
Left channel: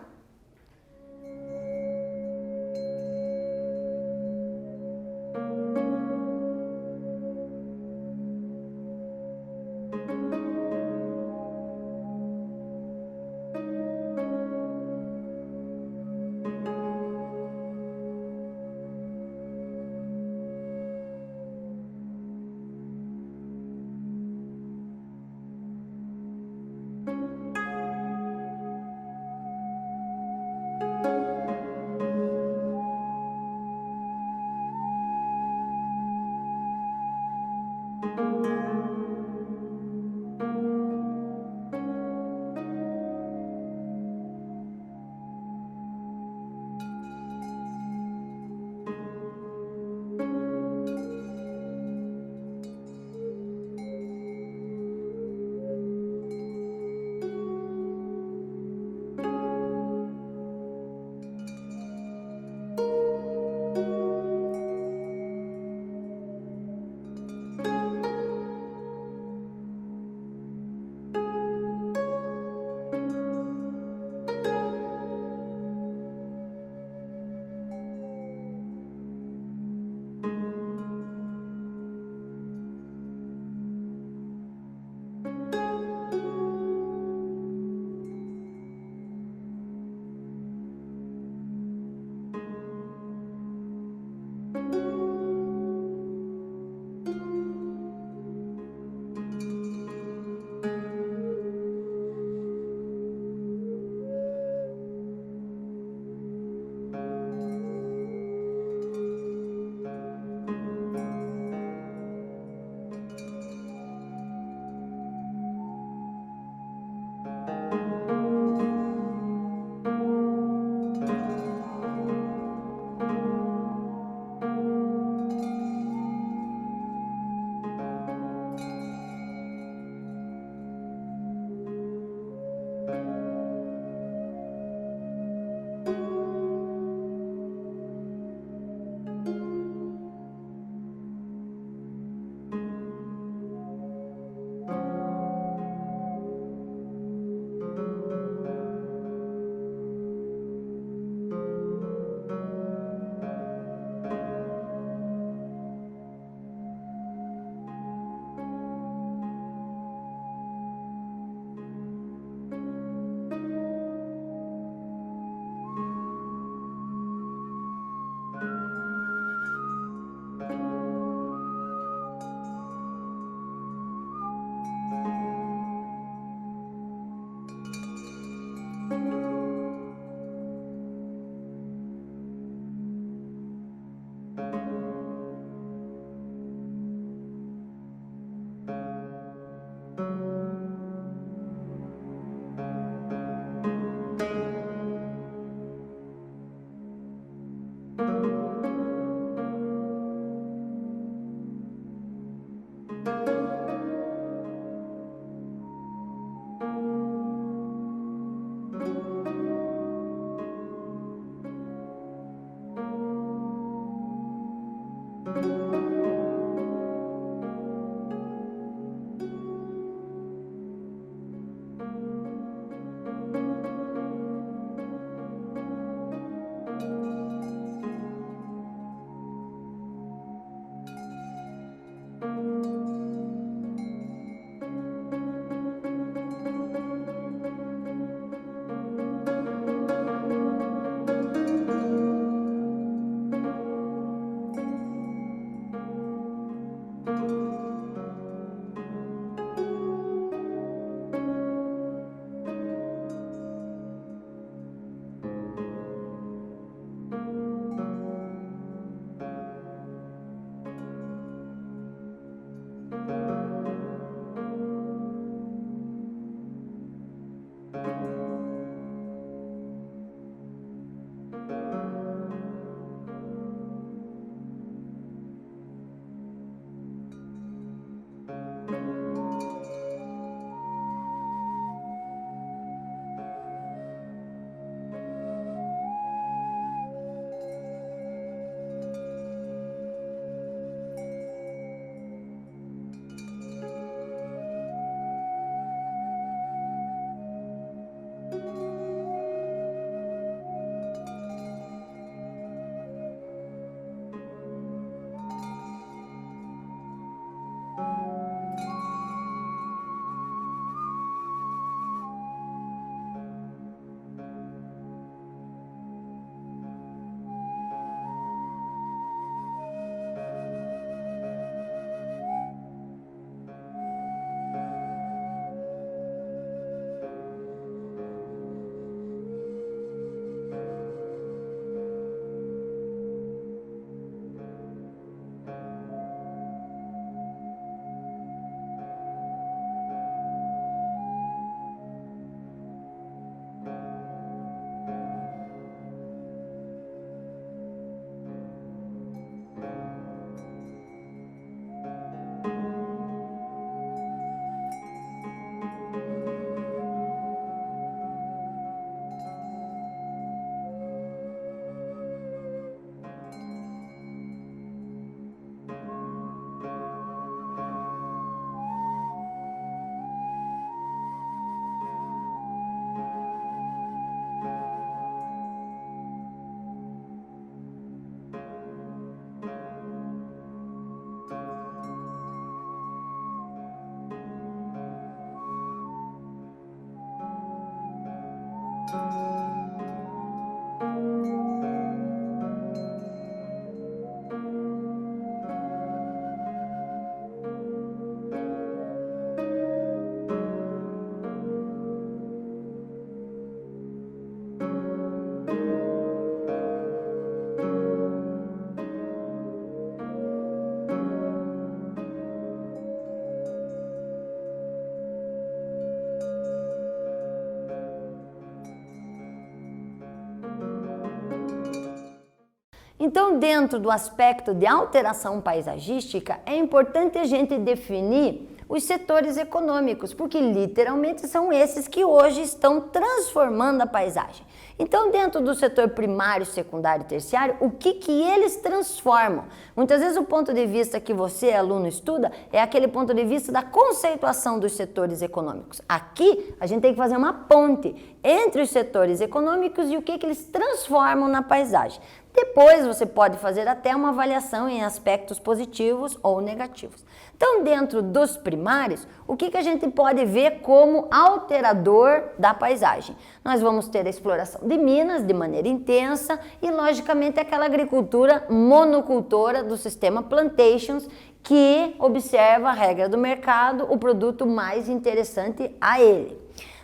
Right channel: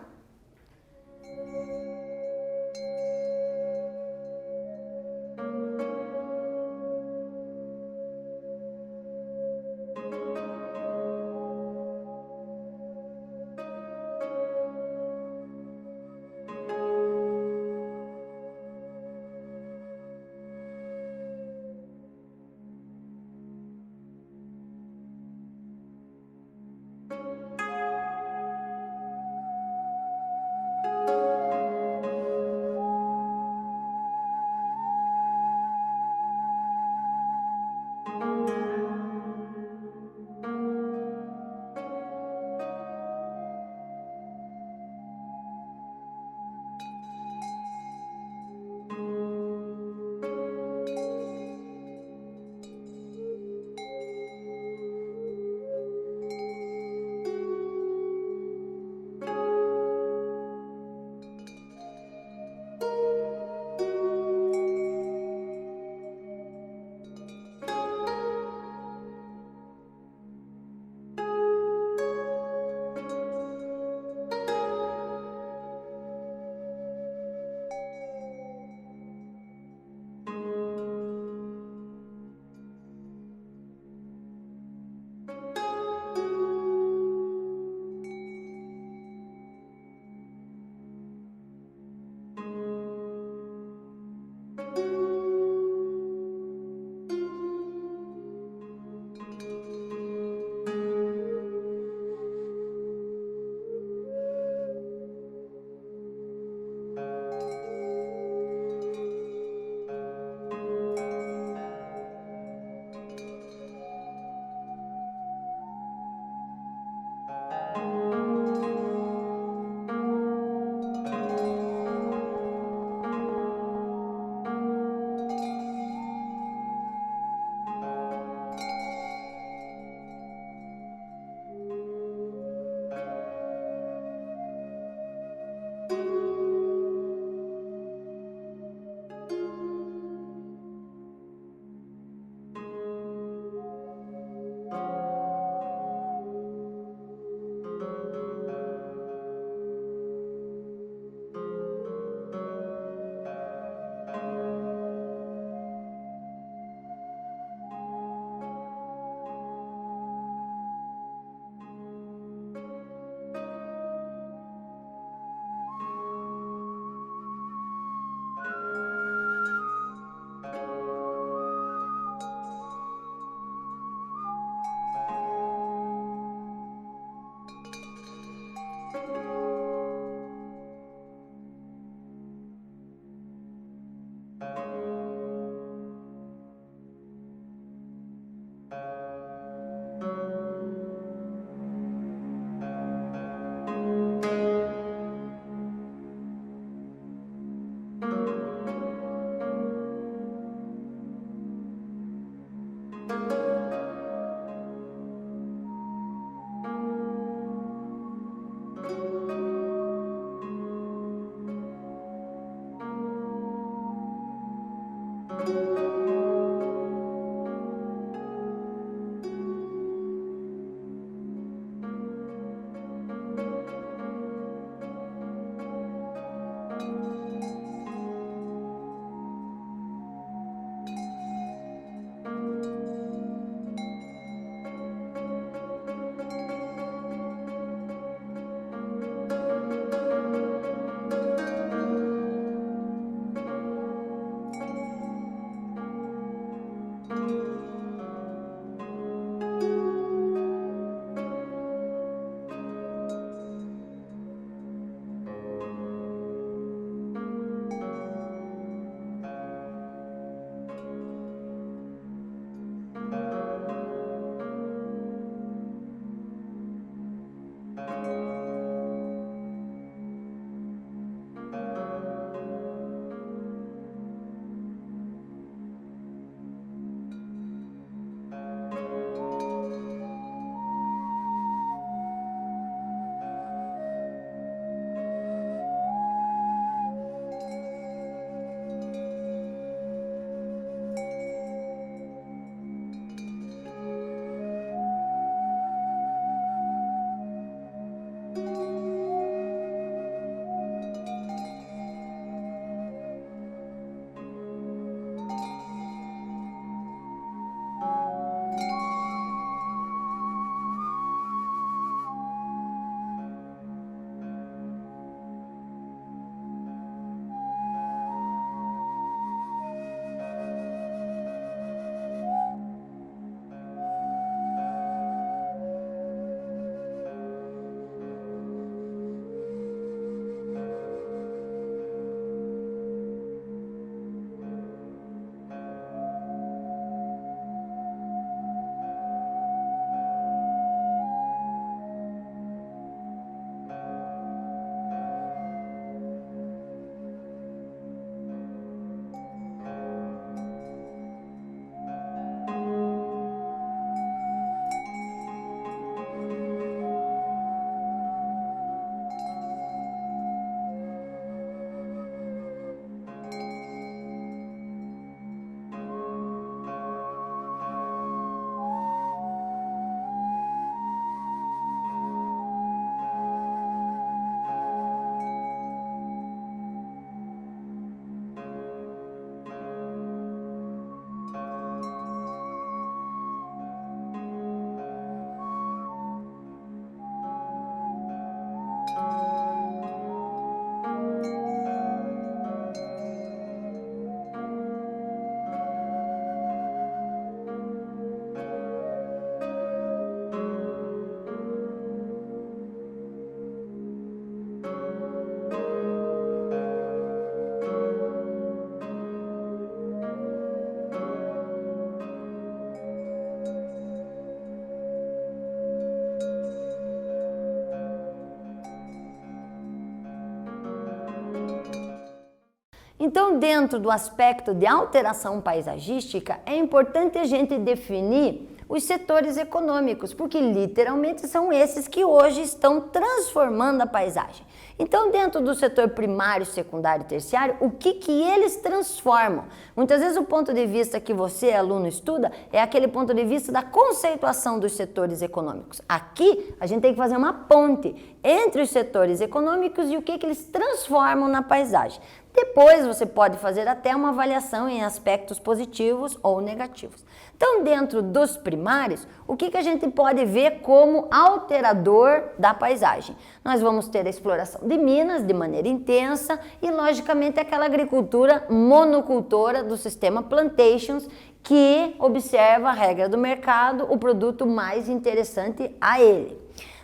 Então, dentro do aspecto de alteração paisagística, é importante a gente definir os setores econômicos, porque literalmente são esses que hoje estão transformando a paisagem. Então, dentro do setor primário, secundário e terciário, o que eles transformam? Muitas vezes o ponto de vista que você, aluno, estuda é aquele ponto de vista da conceituação dos setores econômicos. Aqui, a gente tem que fazer uma ponte entre os setores econômicos e o que eles transformam na paisagem. Depois você pode fazer até uma avaliação em aspectos positivos ou negativos. Então, dentro dos primários, o que a gente pode ver como alterador da paisagem? Nós vamos ter a exploração de minas de maneira intensa e, logicamente, aquela agricultura monocultora do sistema plantations que observa a regra do mercado, o produto mais interessante a ele.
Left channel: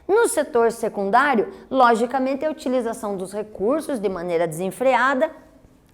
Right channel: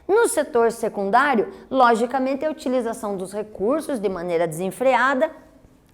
No setor secundário, logicamente, a utilização dos recursos de maneira desenfreada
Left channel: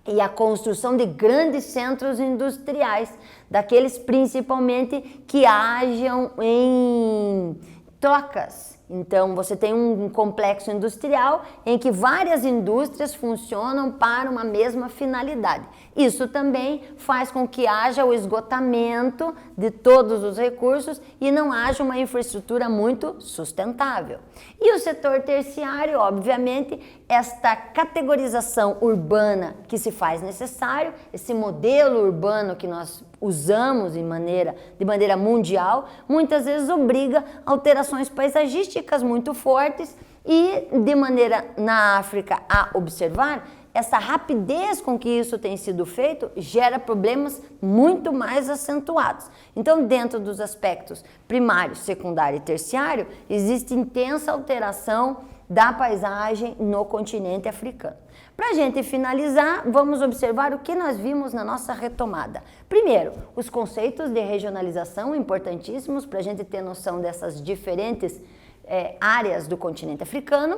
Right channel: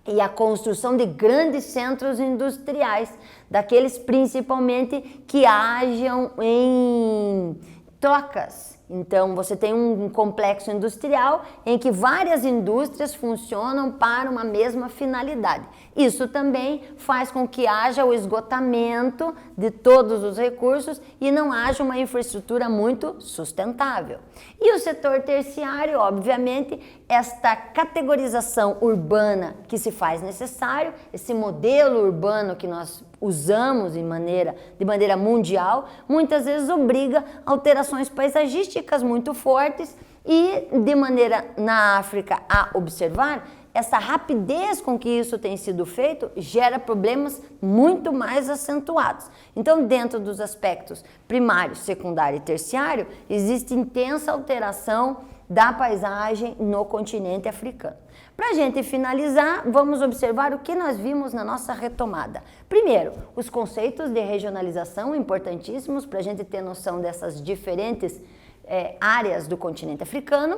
e a construção de grandes centros industriais, daqueles principalmente que hajam em trocas. Então, você tem um complexo industrial em que várias indústrias funcionam para uma mesma finalidade. Isso também faz com que haja o esgotamento de todos os recursos e não haja uma infraestrutura muito sustentável. E o setor terciário, obviamente, esta categorização urbana que se faz necessário, esse modelo urbano que nós usamos de maneira mundial, muitas vezes obriga alterações paisagísticas muito fortes e, de maneira na África a observar, essa rapidez com que isso tem sido feito gera problemas muito mais acentuados. Então, dentro dos aspectos primário, secundário e terciário, existe intensa alteração da paisagem no continente africano. Para a gente finalizar, vamos observar o que nós vimos na nossa retomada. Primeiro, os conceitos de regionalização importantíssimos para a gente ter noção dessas diferentes áreas do continente africano.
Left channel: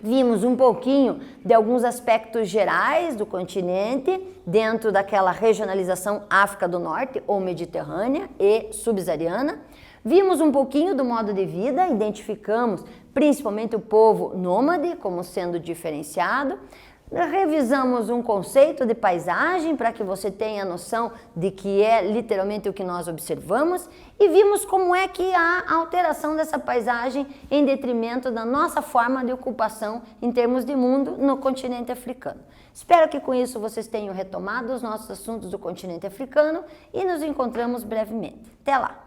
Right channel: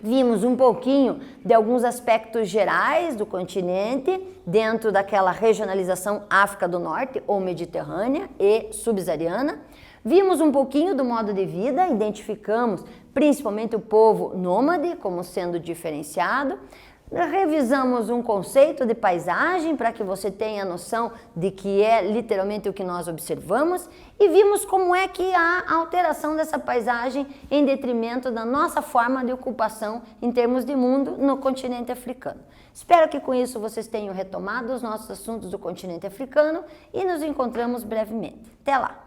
Vimos um pouquinho de alguns aspectos gerais do continente dentro daquela regionalização África do Norte ou Mediterrânea e subsaariana. Vimos um pouquinho do modo de vida, identificamos principalmente o povo nômade como sendo diferenciado. Revisamos um conceito de paisagem para que você tenha noção de que é literalmente o que nós observamos e vimos como é que há alteração dessa paisagem em detrimento da nossa forma de ocupação em termos de mundo no continente africano. Espero que com isso vocês tenham retomado os nossos assuntos do continente africano e nos encontramos brevemente. Até lá!